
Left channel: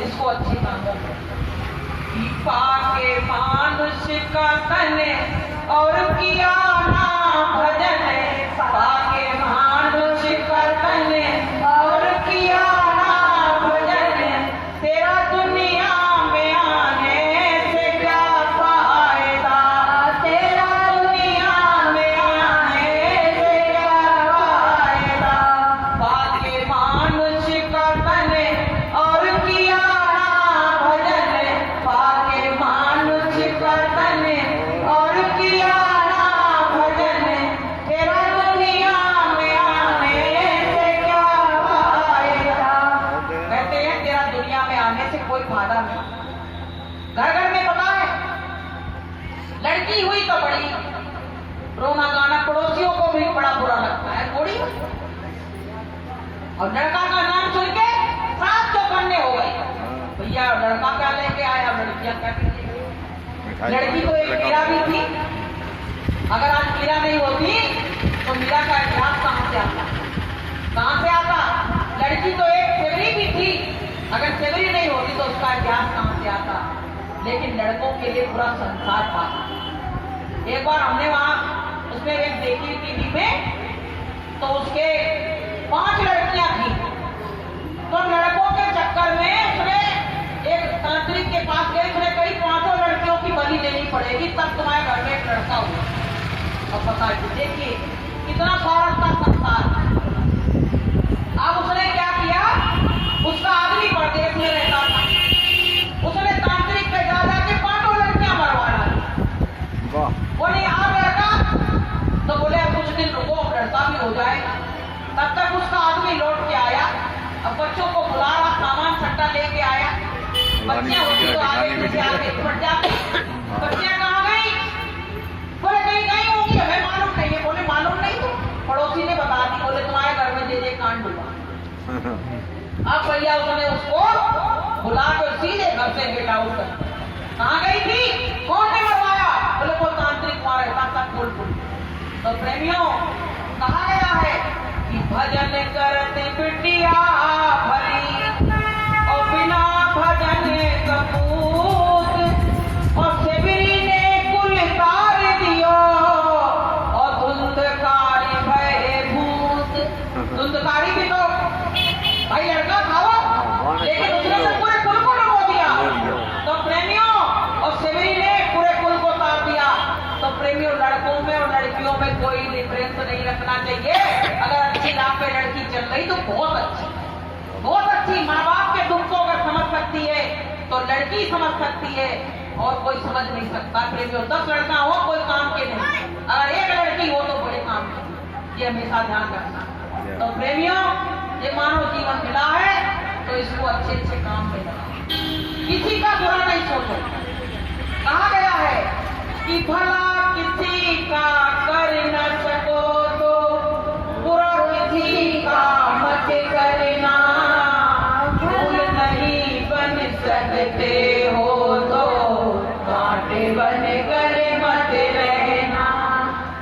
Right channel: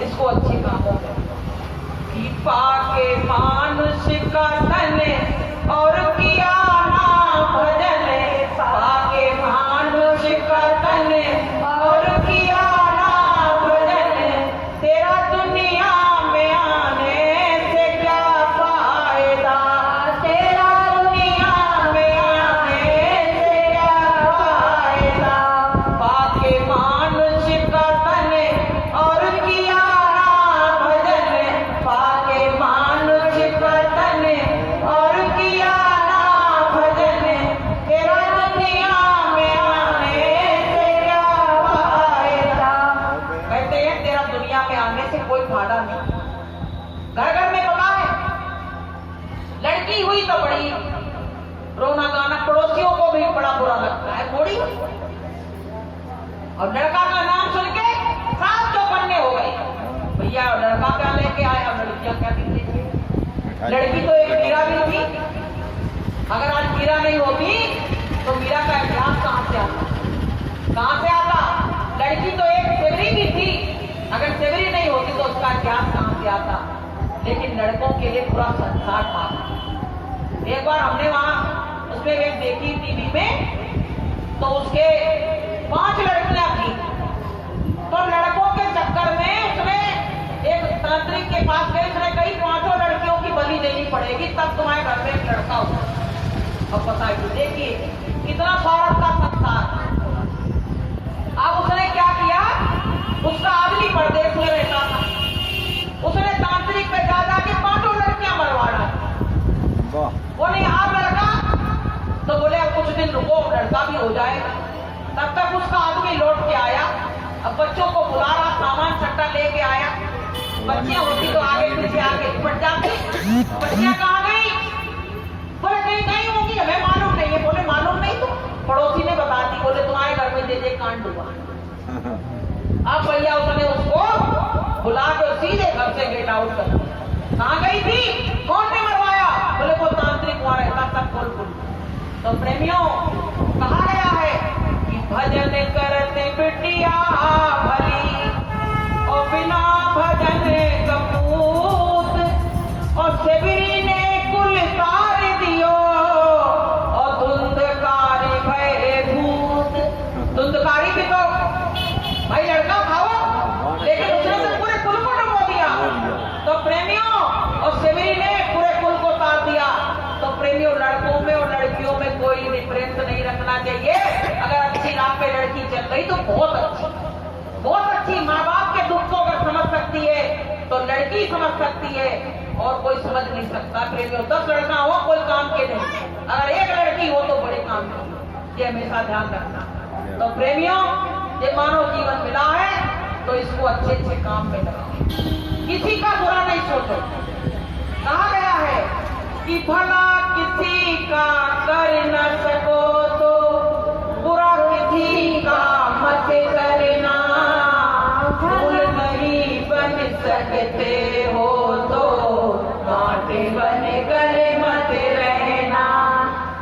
इसको अच्छी कामों में पाके मानुष का तन और किया ना भजन, पाके मानुष का तन और किया ना भजन, तेरा दुनिया में आने से क्या फायदा, तेरा दुनिया में आने से क्या फायदा। पाके मानुष का तन और किया ना भजन, पाके मानुष का तन और किया ना भजन, तेरा दुनिया में आने से क्या फायदा। कहते हैं तेरा दुनिया में आने से कोई फायदा नहीं। घर घर में पता है, लड़की हुई तो बड़ी रोना गाना, पड़ोसियों को भी बड़ा बुरा लगता है, थोड़ी। और लड़का का नाम सुन के सात चौकन्ने हो गए, भैया लड़का क्या लेके आया, लड़कियां क्या लेके। लड़की तो एक मीरा भी थी, अगर आज मीरा नहीं होती तो मीरा का इतिहास कहां से आता, कहां से आता। लड़की तो एक सेवरी भी थी, अगर सेवरी नहीं होती तो उसका इतिहास कहां से आता। लेकिन लड़कों के लिए पूरा संसार था। एक बार हमने वहां उसमें एक देखी टीवी में, तो उसके 5 लड़कियां थी। तो लड़कों के चक्कर में उसने एक तांत्रिक के पास गई, उसने कही 5 लड़कियों की बलि देनी पड़ेगी तब तुम्हारे घर में एक लड़का हुआ। अब पता है, देखिए कितना स्वार्थ का संसार। अब उसने क्या किया, उसका आदमी परदेश में रहता था, उसने तांत्रिक पे जा के 5 लड़कियां मरवा डाली। बोले आप लड़का, तो बोले अब कुछ दिन रुको, लड़का भी हो जाए। तब तक उसका आदमी लौट के आया, अब बच्चों को बुला रहा, सामान सट्टा लेके आया। बच्चियां होती तो आगे पीछे आके पड़ जाती, बच्चियां कहाँ गई? बोले कहीं कहीं होगी, हमें मालूम नहीं है। बोले मालूम नहीं तो पड़ोसी ने बता दी। बोले तुम्हारे घर में जे कांड हुआ। अब भैया उसने उसको बुला कर सीधे घर से गेट आउट कर। कहाँ गई थी, कौन ने मरवाया? बोले वो तांत्रिक वहां रहता था खोल। तो प्रेमियों, कहा गया है कि भजन करते बिटिया भली और बिना भजन कपूत, और सेबरी ने कुल तार दियो और धुंधकारी भय भूत। धुंधकारी भी तो भाई लड़का था वो, लेकिन उसने तो पूरे कुल को डुबो दिया। तो प्रेमियों, और सेबरी ने पूरे कुल को तार दिया। तो प्रेमियों, लड़कों में और लड़कियों में कोई डिफरेंस नहीं रखना चाहिए। अगर अच्छी राह पे लड़की चल रही तो बहुत अच्छी। माँ बाप के दुख को अगर समझ सकती है तो लड़की समझ सकती है, और कोई समझ नहीं सकता। प्रेमियों, 10 लड़का हो कोई काम के नहीं, अगर एक लड़की हो तो बड़े काम की, ये हमेशा ध्यान रखना। तो प्रेमियों, ये मानव जीवन मिला है तो इसको अच्छे काम में लगाओ, किसी का बुरा नहीं सोचो। कहा गया है कि भला किसी का कर न सको तो बुरा किसी का मत करना, फूल नहीं बन सकते हो तो कांटे बन कर मत रहना।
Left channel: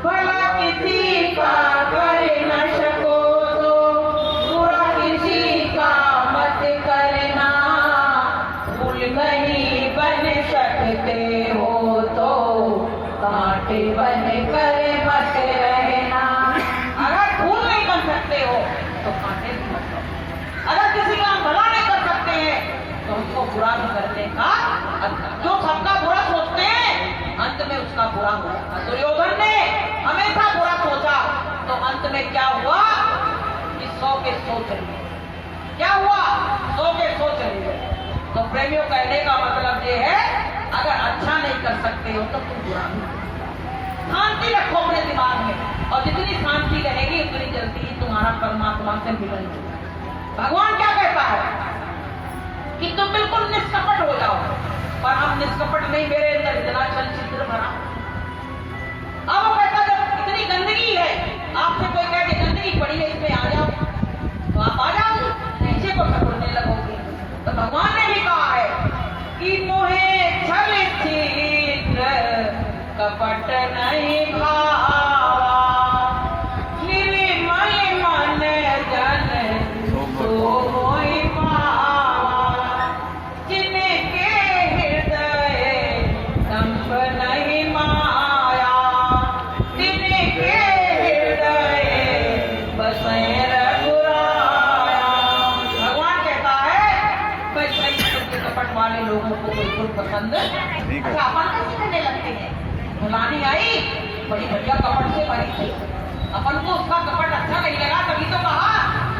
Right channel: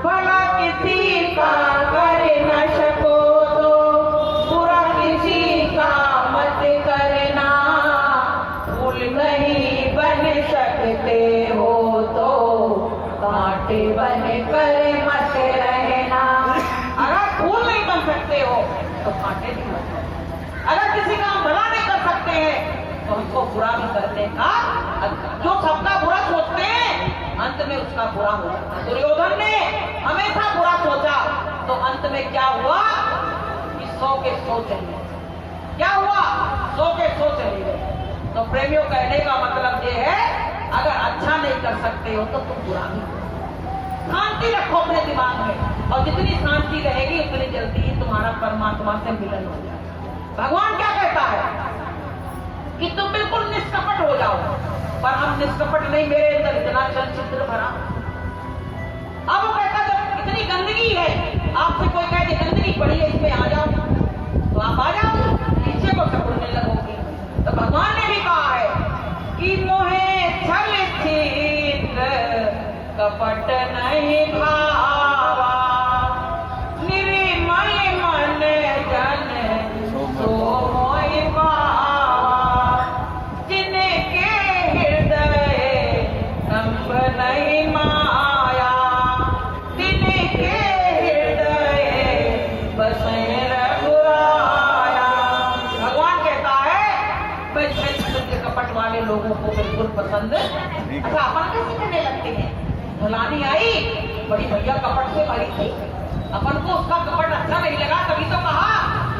भला किसी का कर न सको तो बुरा किसी का मत करना, फूल नहीं बन सकते हो तो कांटे बन कर मत रहना। अगर फूल नहीं बन सकते हो तो कांटे नहीं बन सकते। अगर किसी का भला नहीं कर सकते हैं तो हमको बुरा भी करने का, जो सबका बुरा सोचते हैं अंत में उसका बुरा हो जाता। दुर्योधन ने हमेशा बुरा सोचा तो अंत में क्या हुआ कि 100 के 100 चले। क्या हुआ? 100 के 100 चले गए। तो प्रेमियों, कहने का मतलब ये है, अगर अच्छा नहीं कर सकते हो तो तुम बुरा नहीं करो। शांति रखो अपने दिमाग में, और जितनी शांति रहेगी उतनी जल्दी ही तुम्हारा परमात्मा से मिलन हो जाएगा। भगवान क्या कहता है कि तुम बिल्कुल निष्कपट हो जाओ, पर हम निष्कपट नहीं, मेरे अंदर इतना चलचित्र भरा। अब वो कहता जब इतनी गंदगी है, आपसे कोई कहे कि गंदगी पड़ी है इसमें आ जाओ, तो आप आ जाओ, पीछे को सकुड़ने लगोगे। तो भगवान ने भी कहा है कि मोहे छल छिद्र कपट नहीं भावा, निर्मल मन जन सो मोहि पावा, जिनके हृदय दंभ नहीं माया, जिनके हृदय बसे रघुराया। भगवान कहता है भाई कपट वाले लोगों को बिल्कुल पसंद। अच्छा, अपन कैसे करने लगते हैं? भुलानी आई, बड़ी भैया कपट से भरी थी, अपन को उसका कपट अच्छा नहीं लगा, तभी तो कहा।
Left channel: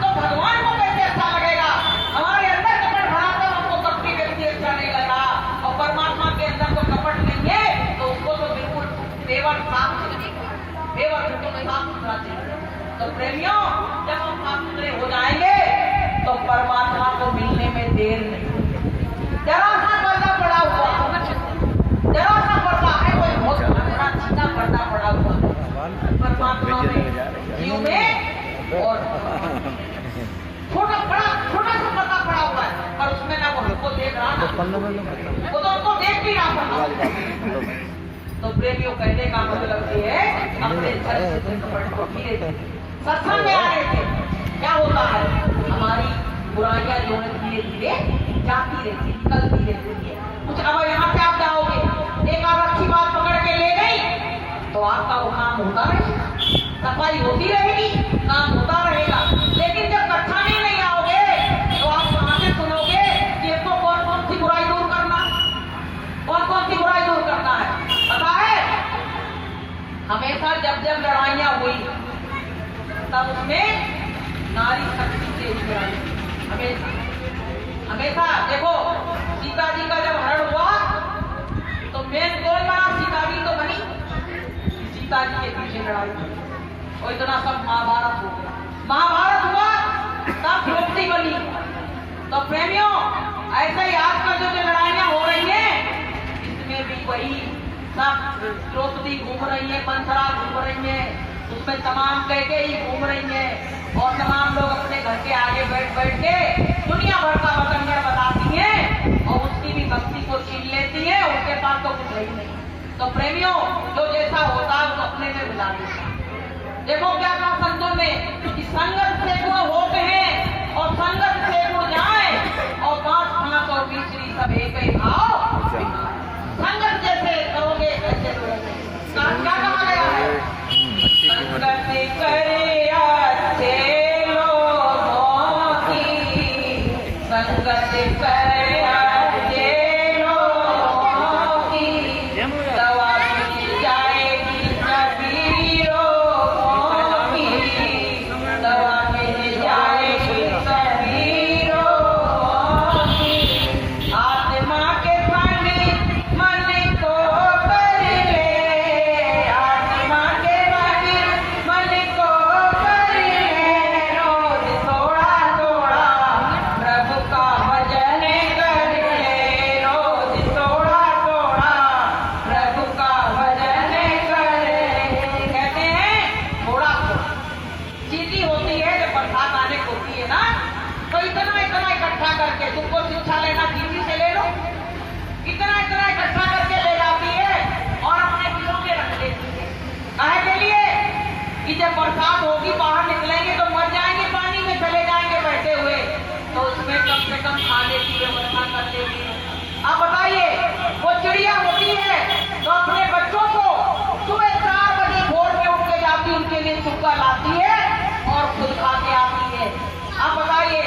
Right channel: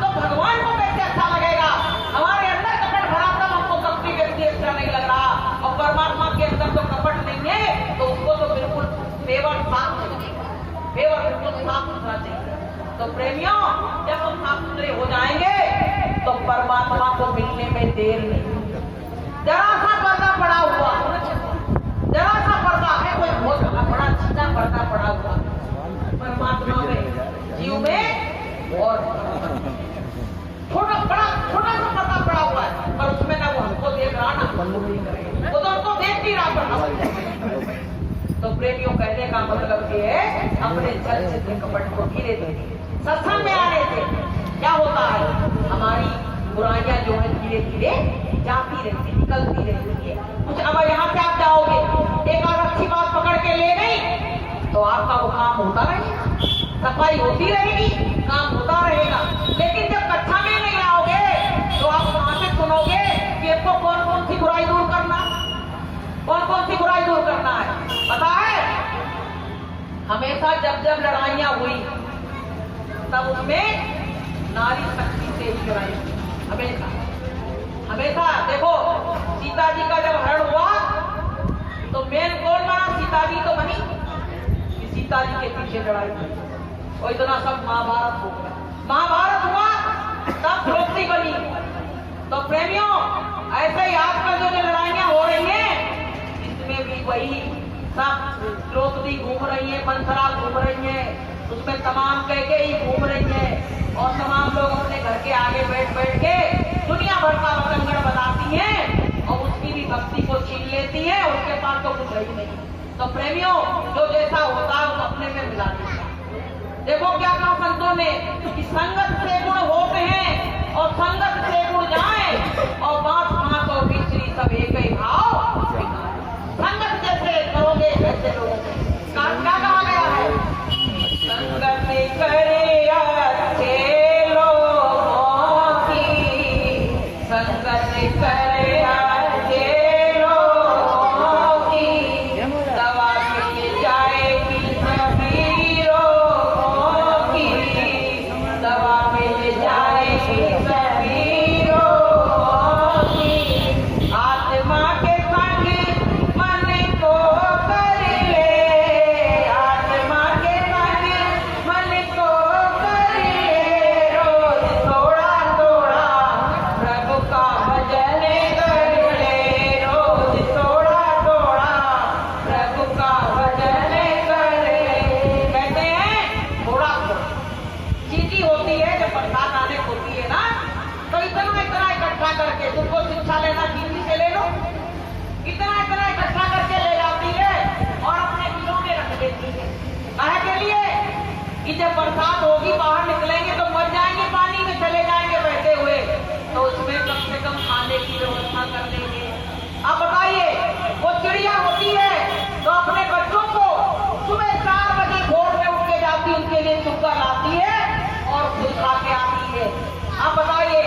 तो भगवान को कैसे अच्छा लगेगा? हमारे अंदर कपट भरा था, हमको कपटी व्यक्ति अच्छा नहीं लगा, और परमात्मा के अंदर तो कपट नहीं है, तो उसको तो बिल्कुल पेवर साफ लगेगा, पेवर बिल्कुल साफ सुथरा चाहिए। तो प्रेमियों, जब हम साफ सुथरे हो जाएंगे तो परमात्मा को मिलने में देर नहीं। जरा सा पर्दा पड़ा हुआ, जरा सा पर्दा है, कोई बहुत बड़ा सीधा पर्दा पड़ा हुआ परमात्मा में, जीव में, और छोटा सा पर्दा पड़ा हुआ है, और उसमें ना वो हमको देख रहा ना, वो तो उसको देख भी रहा। तो प्रेमियों, कहने का मतलब ये है, अपने घर से कपट को धीरे धीरे सत्संग में आने से क्या होता है, हमारी बुराइयां जो है धीरे धीरे जाती रहती, निकलती रहती है। कुछ अब यहाँ से आप जाओगे, एक आध अच्छी बात पकड़ के ले गई, तो आपका वो काम होता रहेगा, सफाई होती रहेगी, काम होता रहेगा। लेकिन जब कक्षा में नहीं आओगे तो आप कहां से सुनोगे कि आपको कौन कौन सी बुराई दूर करना, कौन कौन सी बुराई दूर करना है? पता है, हमेशा जब जब लड़ाइयां हुई तब उसमें नारी शक्ति से ही बुराई, हमेशा हमेशा। देखो सीता जी का जब हरण हुआ तो मेन कौन बना? सीता जी तो बनी, सीता जी के पीछे लड़ाई और इतना सब महाभारत हो गया। महाभारत हुआ तब द्रौपदी बनी। तो प्रेमियों, ऐसे ही आजकल जो लड़ाइयां हो रही हैं इसमें भी वही सब द्रौपदी घूम रही है, मंथरा घूम रही है, उसमें तमाम कैकेयी घूम रही है और तमाम लोग अपने घर के आगे बैठ बैठ के दुनिया भर का बतंगड़ बताती हैं और उसकी भी भक्ति को छीन लेती है, उसके पास तो कुछ है ही नहीं। तो प्रेमियों, जो जैसा होता है वो अपने में मिला देता है। देखो क्या कहा संतों ने कि संगत से गुण होते हैं और संगत से गुण जाए और बात 520 सब एक ही भाव। संगत जैसे करोगे ऐसे लोगों से क्या कहा गया है? संगत करे अच्छे लोगों की, संगत करे अच्छे लोगों की, दवा मिल जाएगी सभी रोगों की, दवा मिल जाएगी सभी रोगों की। आत्मा के संग मन को कर ले, आत्मा के संग मन को कर ले, रोज थोड़ा थोड़ा प्रभु का भजन कर ले, रोज थोड़ा थोड़ा प्रभु का भजन कर ले। कहते हैं थोड़ा थोड़ा चीटी होती है, जब बरसात आने को होती है ना, तो इतना इतना इकट्ठा करके, तुमको शिक्षा लेना चीटी से ले लो, इतना इतना इकट्ठा करके ले जाती है और अपने दिलों में रख देती है। काहे के लिए? कि जब बरसात होगी बाहर निकलेंगे तो मर जाएंगे, पानी में चले जाएंगे बहते हुए, तो उसमें कम से कम खाने की व्यवस्था कर लेंगे। अब बताइए, वो चिड़िया होती है तो अपने बच्चों को सुबह 4 बजे भोर में उठ के जाती, उनके लिए चुपका लाती है और खुद खा के आती है। अब बताइए,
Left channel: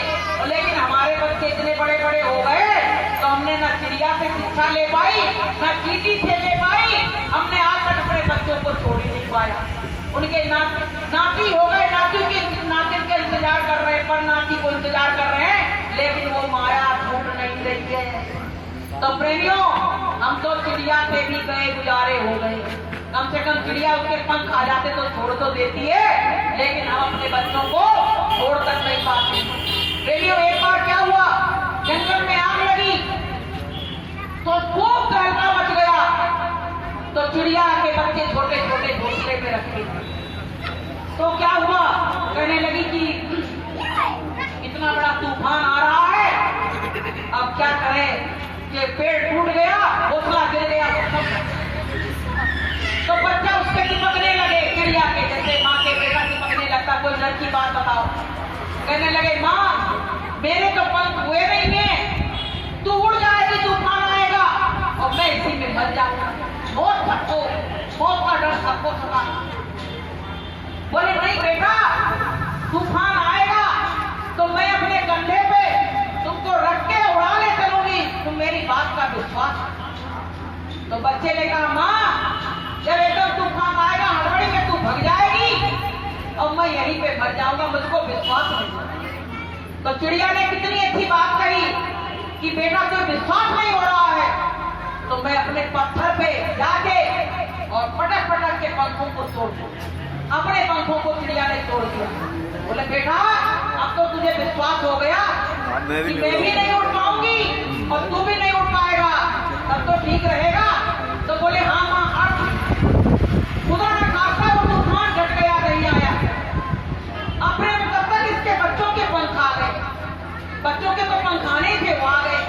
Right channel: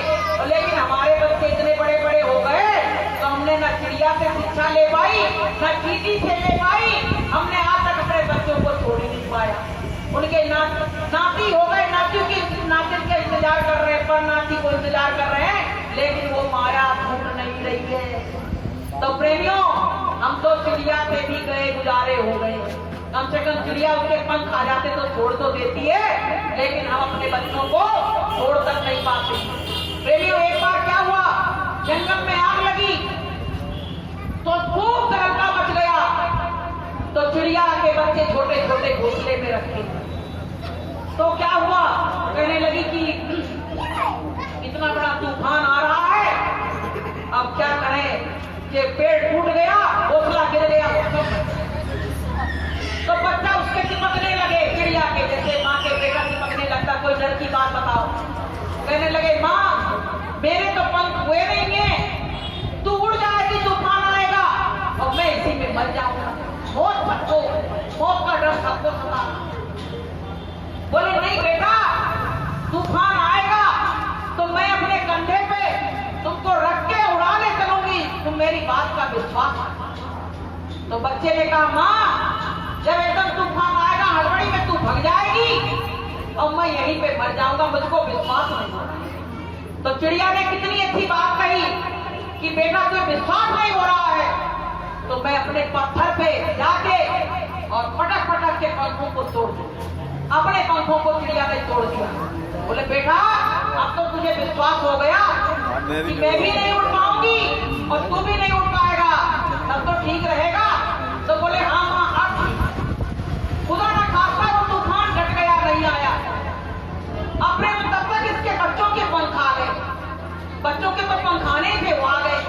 लेकिन हमारे बच्चे इतने बड़े बड़े हो गए तो हमने न चिड़िया से शिक्षा ले पाई, न चींटी से ले पाई, हमने आज तक अपने बच्चों को छोड़ ही नहीं पाया। उनके नाती हो गए, नातिन के इंतजार कर रहे हैं, पर नाती को इंतजार कर रहे हैं, लेकिन वो माया छूट नहीं रही है। तो प्रेमियों, हम तो चिड़िया से भी गए गुजारे हो गए। कम से कम चिड़िया उसके पंख आ जाते तो छोड़ तो देती है, लेकिन हम अपने बच्चों को छोड़ तक नहीं पाते। प्रेमियों, एक बार क्या हुआ, जंगल में आग लगी तो खूब तहलका मच गया। तो चिड़िया के बच्चे छोटे छोटे घोंसले में रखे, तो क्या हुआ, कहने लगी कि इतना बड़ा तूफान आ रहा है, अब क्या करें कि पेड़ टूट गया, घोंसला गिर गया, तो बच्चा उसके चिपकने लगे चिड़िया के, जैसे माँ के बेटा चिपकने लगता। कोई डर की बात बताओ? कहने लगे, माँ मेरे तो पंख हुए नहीं है, तू उड़ जाएगी, तूफान आएगा और मैं इसी में मर जाऊंगा, मौत का डर सबको सता। बोले नहीं बेटा, तूफान आएगा तो मैं अपने कंधे पे तुमको रख के उड़ाने चलूंगी, तुम मेरी बात का विश्वास करो। तो बच्चे ने कहा, माँ जब एकदम तूफान आएगा हड़बड़ी में तू भग जाएगी और मैं यहीं पे मर जाऊंगा, मुझको विश्वास नहीं हो रहा। तो चिड़िया ने कितनी अच्छी बात कही कि बेटा तुझे विश्वास नहीं हो रहा है तो मैं अपने पत्थर पे जाके और पटक पटक के पंखों को तोड़ दूं। अपने पंखों को चिड़िया ने तोड़ दिया। बोले बेटा, अब तो तुझे विश्वास हो गया कि मैं भी नहीं उड़ पाऊंगी और तू भी नहीं उड़ पाएगा, तब तो ठीक रहेगा। तो बोले हाँ माँ, खुदा न खास्ता वो तूफान घट गया, नहीं आया। अपने तब तक इसके बच्चों के पंख आ गए, बच्चों के तो पंखाने थे वो आ गए।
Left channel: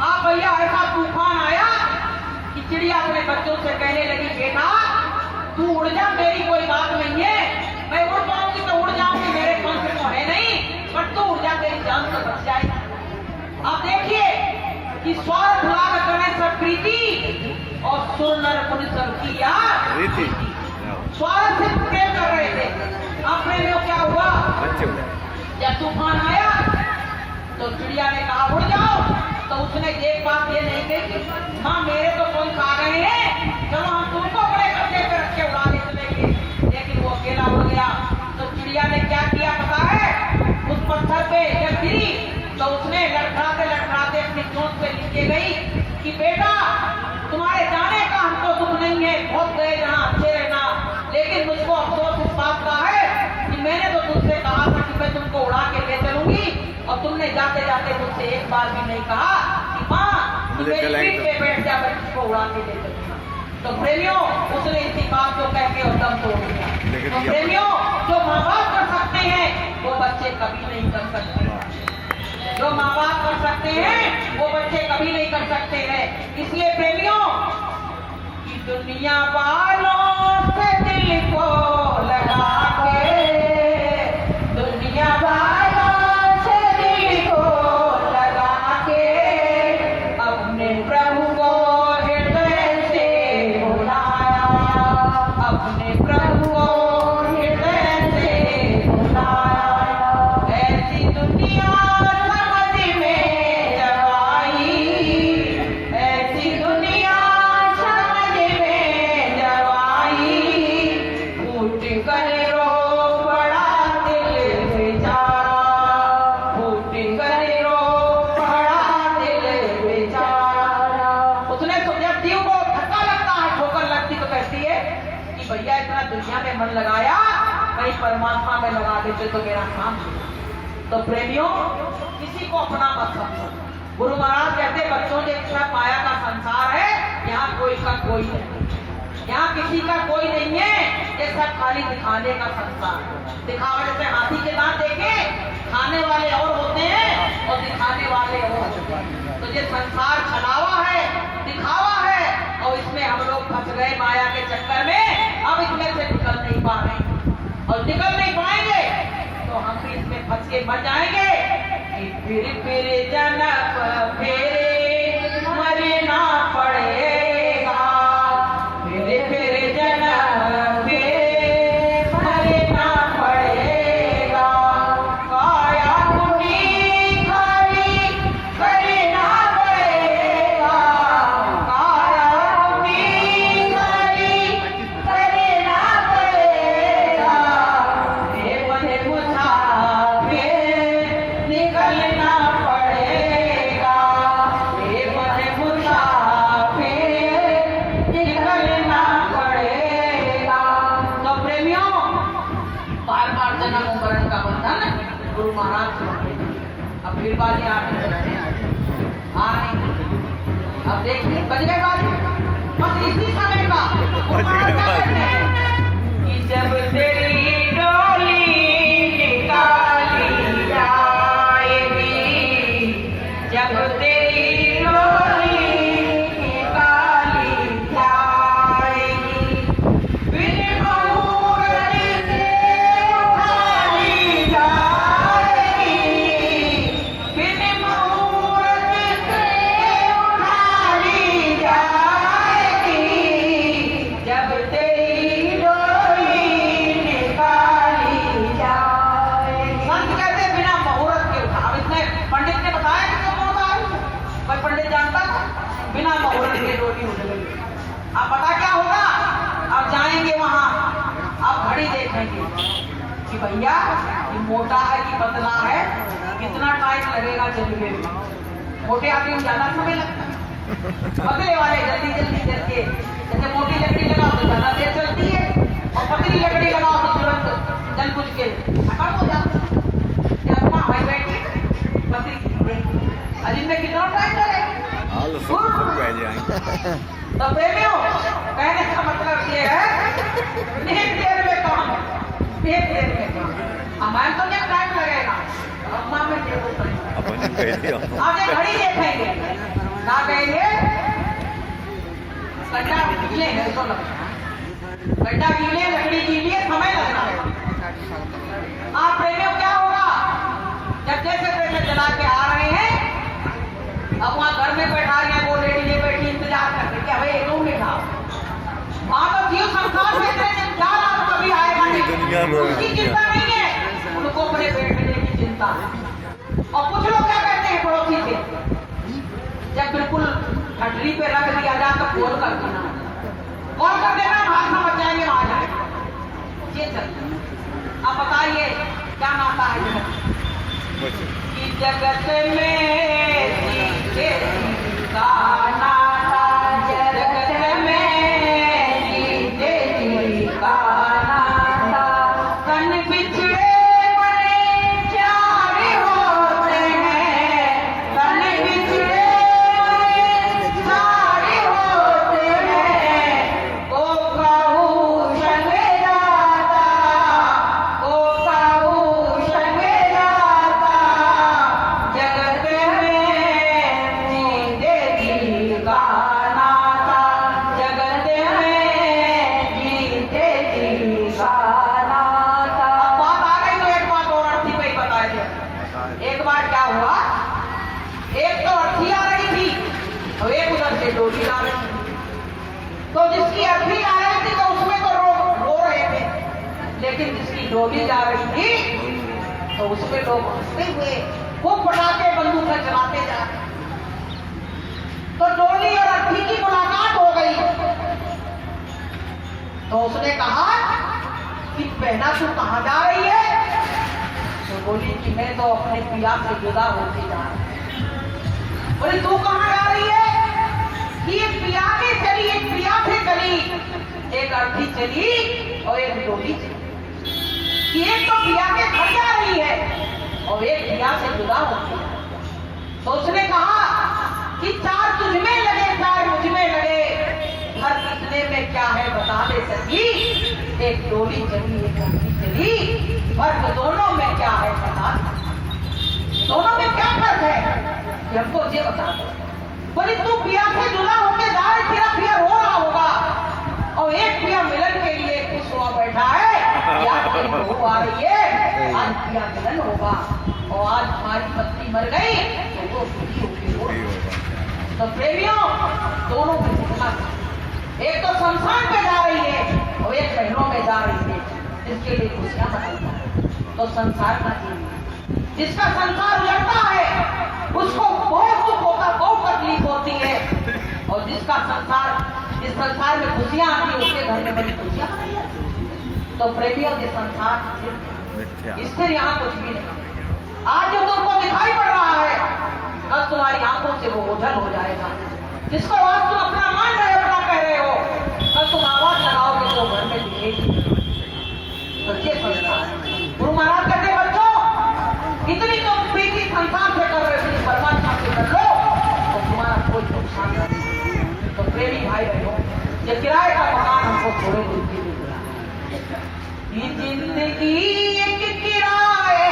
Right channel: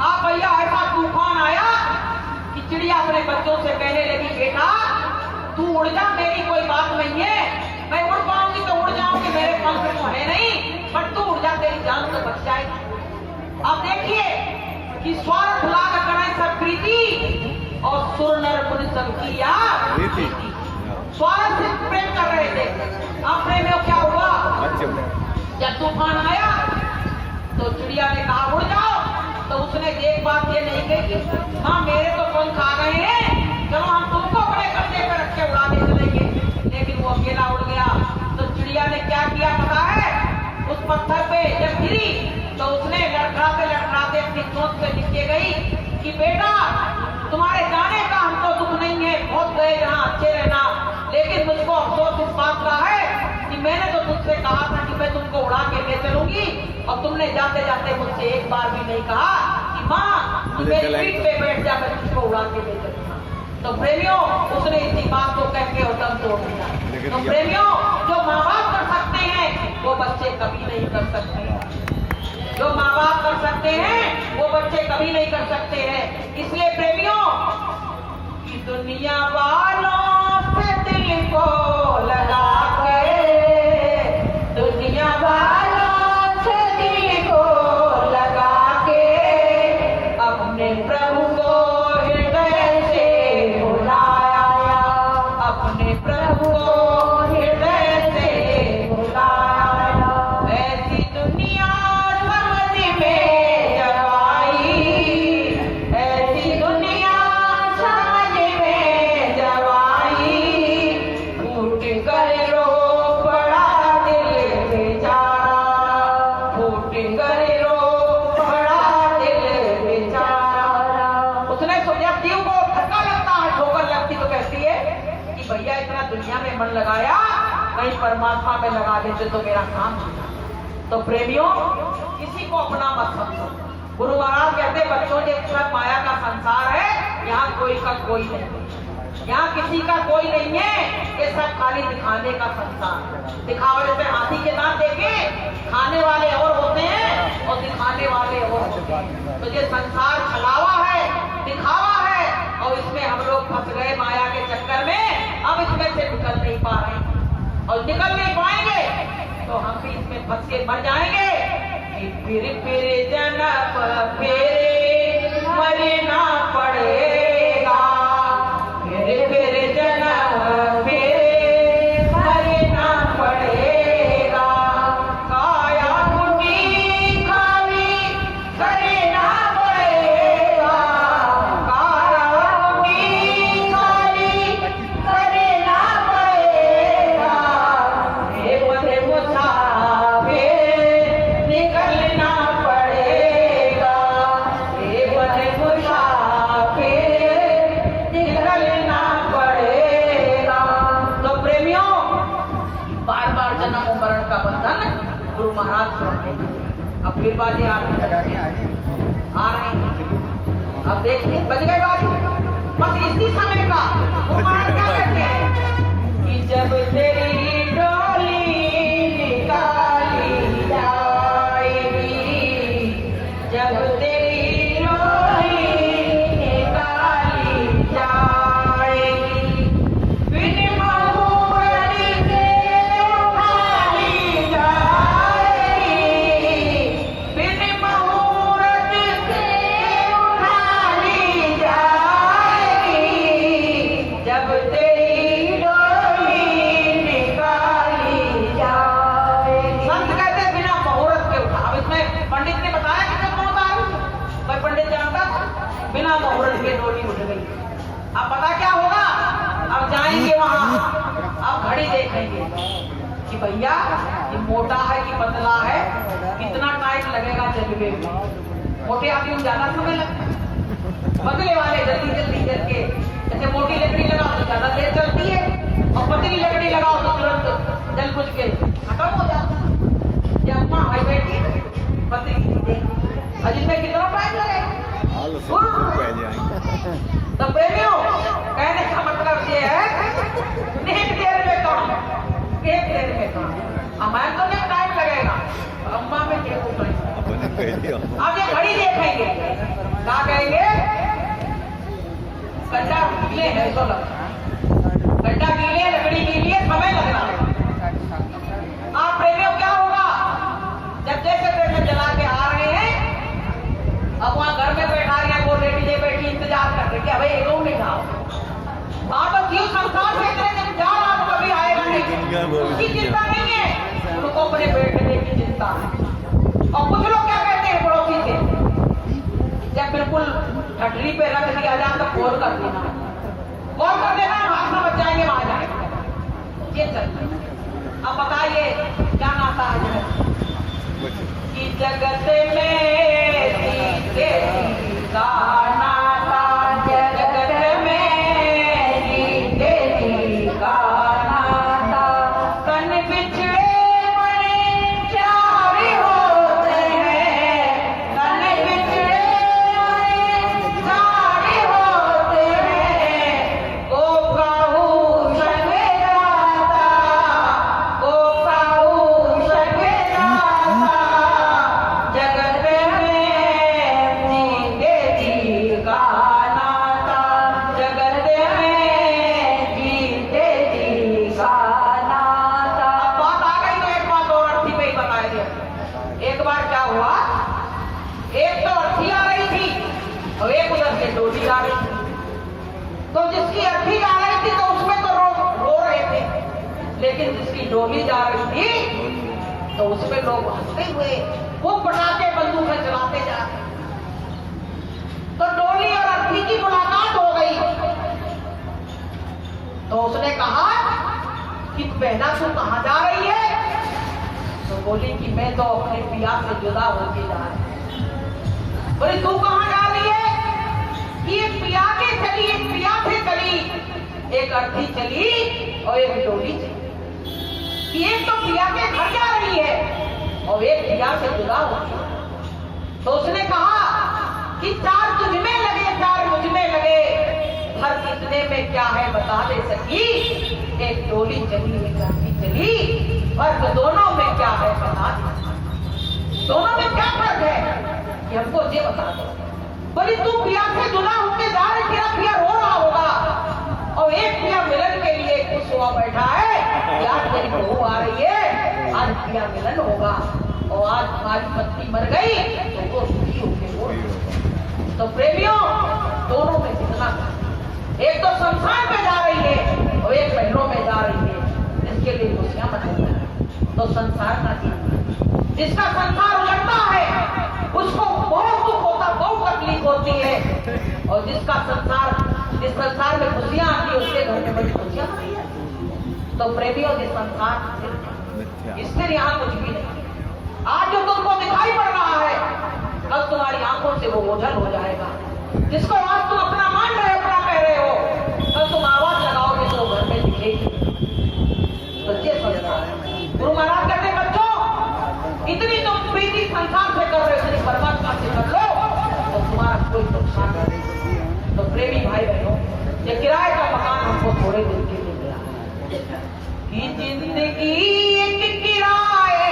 आप भैया ऐसा तूफान आया कि चिड़िया अपने बच्चों से कहने लगी, बेटा तू उड़ जा, मेरी कोई बात नहीं है, मैं उड़ पाऊंगी तो उड़ जाऊंगी, मेरे पंख तो है नहीं, पर तू उड़ जा, तेरी जान तो बच जाएगी। अब देखिए कि स्वार्थ लाग करें सब प्रीति, और सुर नर मुनि सब किया रीति। स्वार्थ से प्रेम कर रहे थे। अब प्रेम में क्या हुआ? बच्चे हुए। जब तूफान आया तो चिड़िया ने कहा उड़ जाओ, तो उसने एक बात ये नहीं कही कि माँ मेरे तो कोई खा गए हैं, चलो हम तुमको बड़े कंधे पे रख के उड़ाने चलेंगे। लेकिन वो अकेला उड़ गया। तो चिड़िया ने क्या किया पता है? उस पत्थर पे जब गिरी तो उसने लड़खड़ाते अपनी चोट पे लिख के गई कि बेटा तुम्हारे जाने का हमको दुख नहीं है, बहुत गए जहाँ अच्छे रहना, लेकिन मुझको अफसोस इस बात का है कि मैंने तो तुझसे कहा था कि मैं तुमको उड़ा के ले चलूंगी, और तुमने जाते जाते मुझसे एक बार भी नहीं कहा कि माँ मेरी पीठ पे बैठ जा, मैं तुझको उड़ा के ले चलूंगा। तो प्रेमियों उसने इसी बात को कह के और दम तोड़ दिया। तो प्रेमियों जो माँ बाप कर सकते हैं वो बच्चे कभी नहीं कर सकते। जो माँ बाप कर सकते हैं वो बच्चे कभी नहीं कर सकते हैं। इसलिए प्रेमियों की दुनिया वालों से दिल को लगा के, दुनिया वालों से दिल को लगा के अपने प्रभु को हृदय से बुलाया, अपने प्रभु को हृदय से बुलाया। ऐसी दुनिया समझ में जब आई, ऐसी दुनिया समझ में जब आई, फूट कर रो पड़ा दिल बेचारा, फूट कर रो पड़ा दिल बेचारा। उसने जब जीव को धक्का लगता है, ठोकर लगती तो कहती है कि भैया इतना दुनिया में मन लगाया, कहीं परमात्मा में लगा देते तो मेरा काम होता। तो प्रेमियों किसी को अपना मत समझो। गुरु महाराज कहते बच्चों के सब माया का संसार है, यहाँ कोई का कोई नहीं है, यहाँ किसी का कोई नहीं है, ये सब खाली दिखाने का संसार है। दिखावा जैसे हाथी के दांत देखे, खाने वाले और होते हैं और दिखाने वाले और होते हैं। तो ये संसार छलावा है, दिखावा है, और इसमें हम लोग फंस गए माया के चक्कर में। अब इसमें से निकल नहीं पा रहे हैं और निकल नहीं पाएंगे तो हम भी इसमें फंस के मर जाएंगे। फिर जन्म फेरे मरना पड़ेगा, फिर जन्म फेरे मरना पड़ेगा, काया कुटी खाली करना पड़ेगा, काया कुटी खाली करना पड़ेगा, मधे मुसाफिर निकलना पड़ेगा, मधे मुसाफिर निकलना पड़ेगा। तो प्रेमियों बार बार जन्म मरण का बंधन गुरु महाराज से अब फिर बाजी आ रही है। अब देखिए बज गए बाजी, बस इसी समय का गुरु महाराज क्या कहते हैं कि जब तेरी डोली निकाली जाएगी, जब तेरी डोली निकाली जाएगी, बिन मुहूर्त से उठाई जाएगी, बिन मुहूर्त से उठाई जाएगी, जब तेरी डोली निकाली जाएगी। संत कहते हैं बिना मुहूर्त के उठा। अब इसमें पंडित ने बताया कि कब होता है, कोई पंडित जानता था? बिना मुहूर्त के डोली उठ गई। अब पता क्या होगा? अब जाएंगे वहां, अब घड़ी देखेंगे कि भैया ये मोटा है कि पतला है, कितना टाइम लगेगा चलने में। मोटे आदमी में ज्यादा समय लगता है, पतले वाले जल्दी जल्दी करके, जैसे मोटी लकड़ी लगाओ तो ज्यादा देर चलती है, और पतली लकड़ी लगाओ तो तुरंत जल बुझ के खत्म हो जाता है। ये अपना हाई बैटरी पतली अजी में कितना टाइम लगेगा? हाल सब पह जाएंगे। तो प्रेमियों कहने का मतलब ये है एक देर में काम, एक देर में काम। हमारे तो नहीं टाइम लगेगा, अम्मा में क्या होता है अपने पहले आगे घड़ी देखेंगे, क्या कहेंगे? गड्ढा गीले है तो लगता है, गड्ढा गीले, लकड़ी गीली है, समय लगना है। आप प्रेमियों क्या होगा? जब जैसे जला के आ रहे हैं, अब वहां घर में बैठा रहे हैं, वो लेडी ले बैठी इंतजार कर रही क्या भाई तुम नहीं खाओ वहां तो जीव संसार से जा रहा तो कभी आएगा दुनिया में नहीं उसकी चिंता नहीं है उनको अपने बैठने की चिंता है। और कुछ लोग क्या कहते हैं पड़ोसी से जब बिल्कुल हटरी पे रख दिया जाए तो कॉल कर देना हम हाथ में बच जाएंगे वहां जाएंगे ये चलते। अब बताइए क्या नाता है जगत कि जगत में सीखे का नाता जगत में सीखे का नाता तन बिछड़े बड़े चार होते हैं तन बिछड़े बड़े चार होते हैं को कहूँ संगे जाता को कहूँ संगे जाता जगत में जीते जी का नाता जगत में जीते जी का नाता। अब बात आ गई तो एक बात और अर्थी पे ही बताया गया। एक बार क्या हुआ एक तो अर्थी आ रही थी और एक उधर से डोली आ रही थी तो जिसकी अर्थी आ रही थी तो उसमें तो रो रहे थे लेकिन जिसकी डोली जा रही थी तो उसमें लोग हंसते हुए वो पटाखे बंदूक से चलाते जा रहे तो डोली और अर्थी की मुलाकात हो गई तो उसने कहा कि बहना तू कहां जा रही है तो बोली कि मैं तो अपने पिया से जुदा होती जा रही हूं। बोली तू कहां जा रही है कि एक पिया के चली एक पिया से चली एक अर्थी चली और एक डोली चली कि एक तो पिया के घर जा रही है और एक पिया से जुदा होती है। तो उसने कहा कि चार तुझ में लगे चार मुझ में लगे हर कितने में क्या है बता दे सकी एक डोली चली एक अर्थी चली फर्क दोनों में क्या है बता दोनों में क्या फर्क है ये हमको ये बता दो। बोली तू पिया से जुदा होके जा रही तेरा पिया रो रहा होगा और एक पिया मिलन के लिए खुश हुआ बैठा है यार तेरी बहू आ रही है आज पिया मिलन होगा और आज हमारी पत्नी मर गई तो वो सुखी होगी तो प्रेमियों दोनों में कितना एक तो शमशान पे जा रही है और एक बहनों में जा रही है इसके लिए खुशियां मनाई तो संसार का जीवन जिसका संसार उलटता है उसको बहुत दुख होता बहुत तकलीफ होती है और जिसका संसार जिस संसार में खुशियां आती है उसके घर में बड़ी खुशियां तो प्रेमियों के संसार इससे यहाँ कुछ भी नहीं। आज जो तुमको दिखाई पड़ रहा है कल तुम्हारी आंखों से वो ओझल हो जाएगा जिसको आज तुम अपना मान रहे अपना कह रहे हो कल तुम आवाज लगाओगे तो घर में दिखेगी। सच्चे संसार गुरु महाराज कहते बच्चों इतनी तुम प्रीति संसार से कर रहे हो परमात्मा से कर लो तो तुम्हारा कोई नुकसान नहीं। तो प्रेमी भाई बहनों ये किराए का मकान हमको थोड़े दिन के लिए मिला ये जिंदगी एक किराए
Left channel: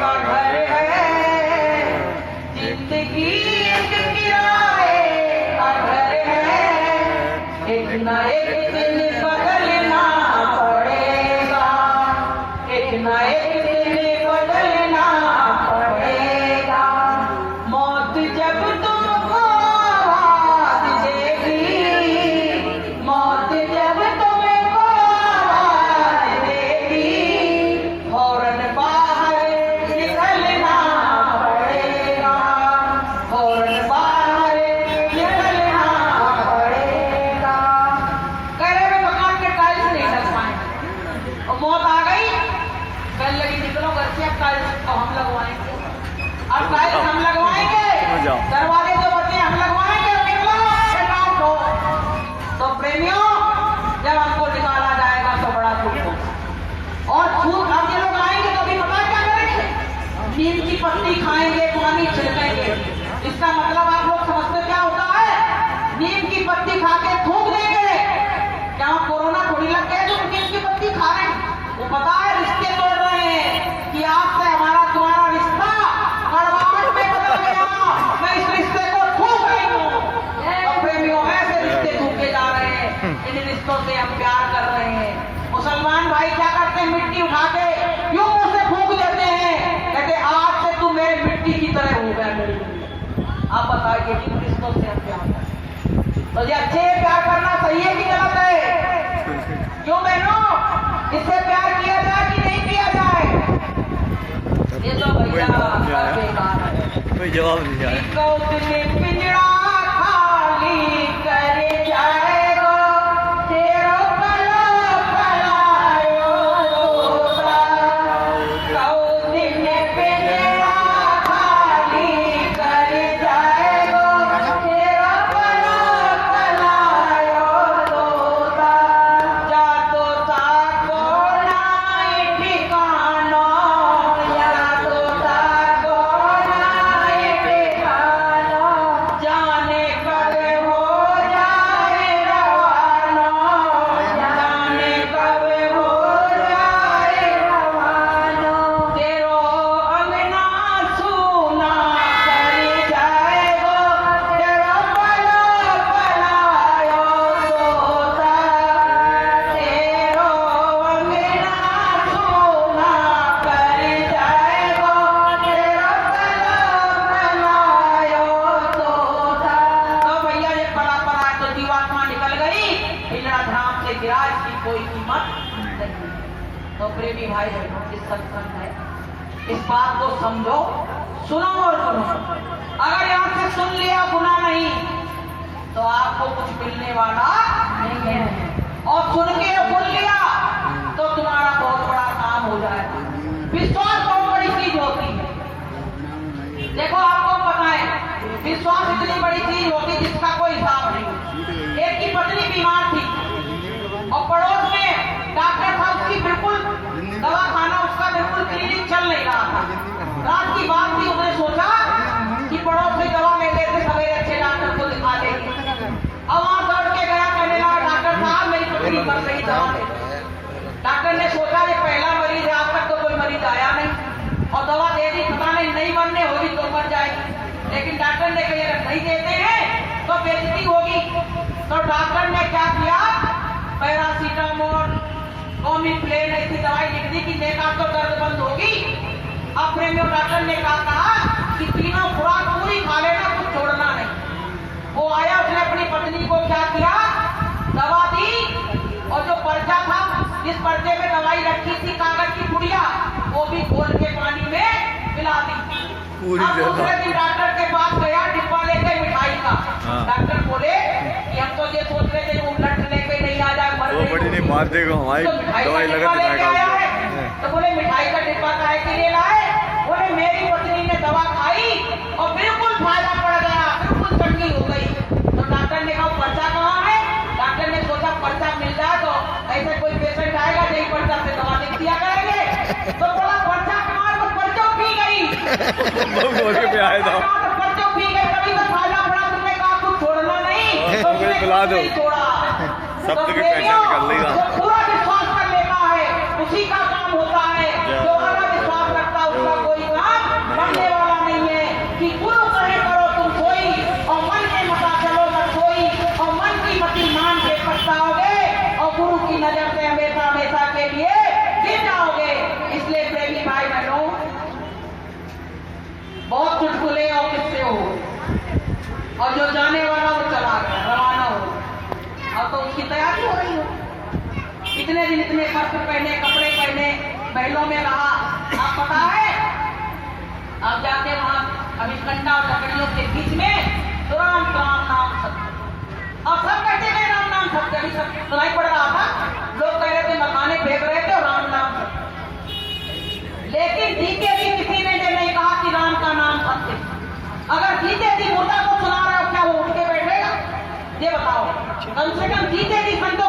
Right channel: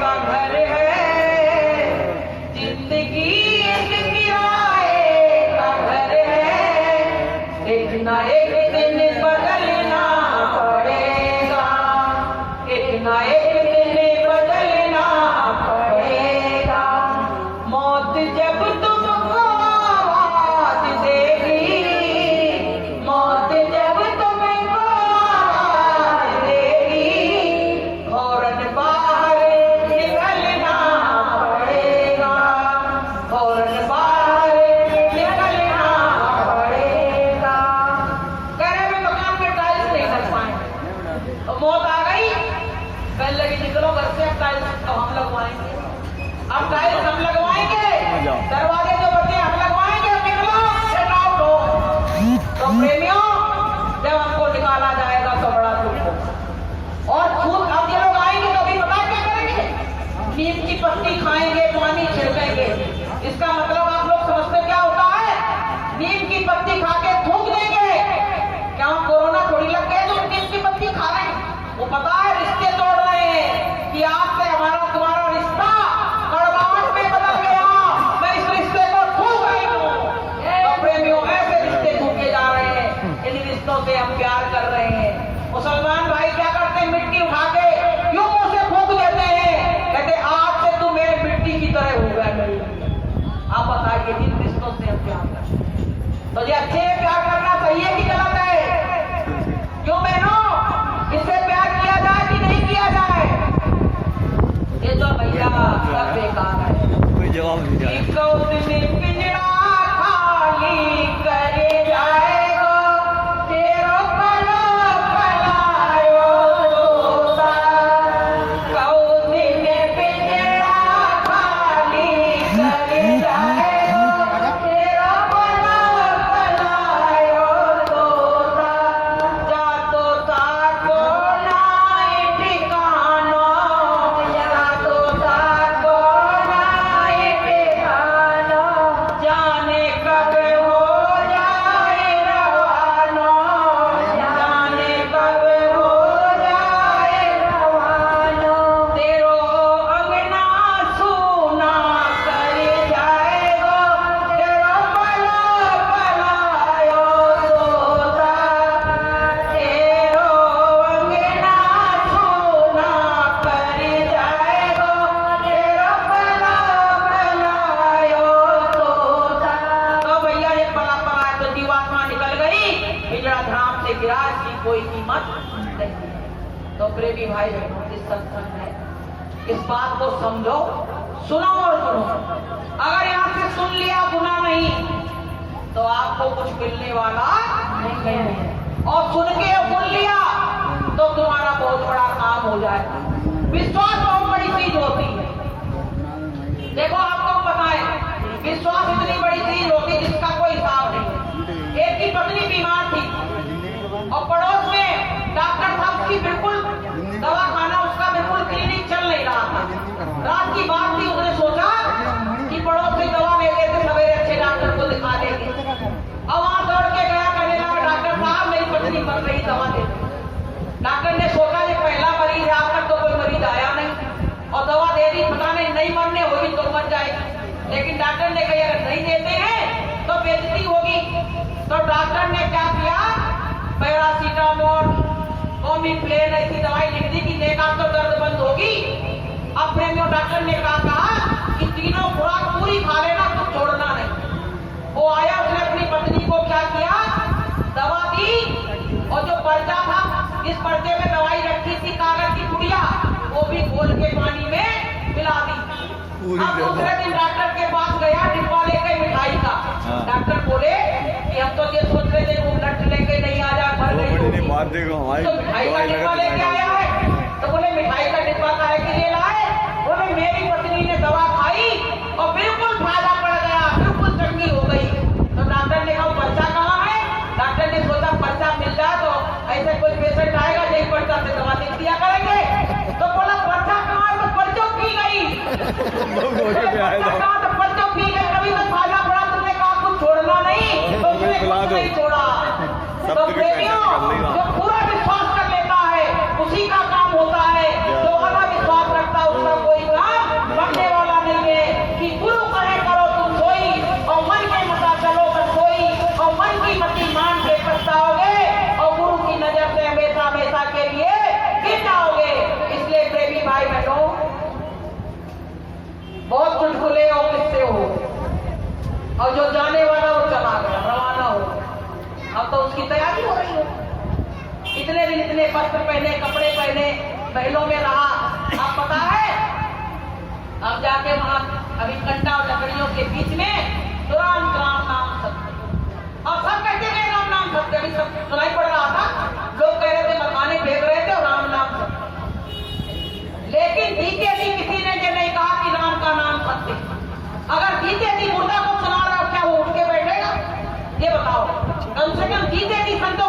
का घर है जिंदगी एक किराए का घर है एक ना एक दिन बदलना पड़ेगा एक ना एक दिन बदलना पड़ेगा मौत जब तुमको आवाज देगी मौत जब तुमको आवाज देगी फौरन बाहर निकलना पड़ेगा फौरन बाहर निकलना पड़ेगा। करे में मकान के टाइल्स नहीं लग पाए और मौत आ गई कल लगी निकलो घर से अब टाइल्स तो हम लगवाएंगे अब टाइल्स हम लगवाएंगे दरवाजे जो बचे हम लगवाएंगे निकलो गेट आउट हो। तो प्रेमियों जब हमको निकाला जाएगा तो बड़ा दुख होगा और छूट अब जो लोग आएंगे तो अभी बता क्या करेंगे नीम की पत्ती खाएंगे पानी छिड़केंगे इसका मतलब आप लोग समझते क्या होता है नीम की पत्ती खा के थूक देंगे क्या कोरोना थोड़ी लग गए जो नीम की पत्ती खा रहे हैं वो पता है रिश्ते तोड़ रहे हैं कि आज से हमारा तुम्हारा रिश्ता कड़वाहट में बदल गया मैं इस रिश्ते को थूक रही हूँ। तो प्रेमियों ऐसे रिश्ते थूके जा रहे हैं इन रिश्तों से हम प्यार कर रहे हैं। मुसलमान भाई क्या करते हैं मिट्टी उठा के क्यों मुंह से फूंक देते हैं कहते आज से तू मेरे मिट्टी की तरह हो गया मेरी। आप बताइए जिन रिश्तों से हम प्यार करते हैं तो ये अच्छे प्यार करना सही है कि गलत है? क्यों बहनों, इससे प्यार किया जाए कि नहीं किया जाए? ये तो भैया बेकार है, कोई जवाब नहीं जाए। पिंजरा खाली करे जाएगा तेरो पला पलायो तोता, कौदिन पिंजरा खाली करे जाएगा तेरो पला पलायो तोता, जा तोता को नाई ठिकानो, जा तोता को नाई ठिकानो, जाने कब हो जाए रवानो, जाने कब हो जाए रवानो, तेरो अंगना सूना कर जाएगो तेरो पला पलायो तोता, तेरो अंगना सूना कर जाएगो तेरो पला पलायो तोता। तो भैया ये पला पला तो जीवात्मा निकल गई, पिंजरा धाम से गिरा, इसकी कोई कीमत नहीं। तो प्रेमी भाई बहनों, इस सत्संग है, इस बात को समझो, सुनो और सुनो। अगर यहाँ से सुन लिया गुना नहीं तो आपको कुछ मिलने वाला नहीं है, और सुन के सुन लिया तो तुम्हारा बहुत बड़ा काम हो जाएगा। विश्वास बहुत बड़ी चीज होती है। देखो आपको पता है, विश्वास इतनी बड़ी चीज होती है जिसका कोई हिसाब नहीं है। एक की पत्नी बीमार थी और पड़ोस में डॉक्टर साहब की बिल्कुल दवाखाना, उसका बिल्कुल क्लिनिक चल नहीं रहा था। रात की बात थी, उसने सोचा कि पड़ोस में दवा ले लेते, सवेरे अच्छे डॉक्टर को दिखा देंगे। अब वहां दौड़ के गया, कहने लगा डॉक्टर साहब मेरी पत्नी मर गई, दवा दे। डॉक्टर ने सोचा ये पहला मरीज है, आज तक तो कोई मरीज आया नहीं, और दवा दे दी, पता नहीं मरने होगी तो मर जाएगी। लेकिन डॉक्टर ने कही अगर नहीं देते हैं तो बेइज्जती होगी। तो डॉक्टर ने क्या किया, पैरासीटामोल, कॉमिप्लेन ऐसी दवाई लिख दी कि नेका तो दर्द बंद होगी। अब प्रेमियों, डॉक्टर ने कहा कि तीनों खुराक पूरी खा लेना, कुछ छोड़ना नहीं। वो आया, उसने अपनी पत्नी को क्या किया, दवा दी, और जो पर्चा था, जिस पर्चे में दवाई रखी थी, कागज की पुड़िया, वो भी घोल के पानी में मिला दी। अब दूसरे दिन डॉक्टर के पास गया, डिब्बा लेके मिठाई का। डॉक्टर बोले कि हम तो ये सोच रहे थे उलट लेके नहीं आ जाए, वो बड़ी नहीं मार देगा हमारी दवाई लगा तो बोले मिठाई का डिब्बा काहे के लिए लाए? बोले मेरी पत्नी ने दवा खाई और बिल्कुल फायदा पड़ गया, बिल्कुल चंगी हो गई। तो डॉक्टर ने कहा पर्चा कहाँ है? डॉक्टर ने सोचा पर्चा मिल जाए तो ऐसे कोई पेशेंट आएगा यही पर्चा से दवा लिख दिया करेंगे। तो बोला पर्चा कहाँ है? तो पर्चा पी गई, पे आए तो पर्चा पी गई, कभी तो फायदा पड़ा, तुमने कहा कुछ छोड़ना नहीं, तो बुला दो, छोड़ा। सब की पहचान कर लेगा। जो पूरा विश्वास कर लेता है उसी का काम होता है, जो वाला विश्वास रखता है उसका कोई काम बनने वाला नहीं है। कि गुरु कहे करो तुम सोई, और मन के मता चलो मत सोई, और मन की मति मान के पछताओगे, और गुरु की नजर से हमेशा हमेशा के लिए गिर जाओगे। इसलिए प्रेमी भाई बहनों, बहुत चुटकुले और किस्से हो, और जो जाने वाला वो चला गया, रवाना हो। अब तो उसकी तैयारी हो रही हो। इतने दिन इतने वस्त्र पहने, कपड़े पहने, महलों में रहा। आप पता है, अब जाके वहां अभी कंडा और लकड़ियों के बीच में तो राम राम नाम सत्य। अब सब कहते गए राम नाम सत्य, अभी सब सुनाई पड़ रहा था, लोग कह रहे थे मकाने फेंक रहे थे राम नाम सत्य। लेकिन जीते जी किसी ने ये नहीं कहा कि राम का नाम सत्य। अगर जीते जी मुर्दा को सुना रहा है, क्या वो उठ के बैठेगा? ये बताओ, कम से कम जीते जी संतों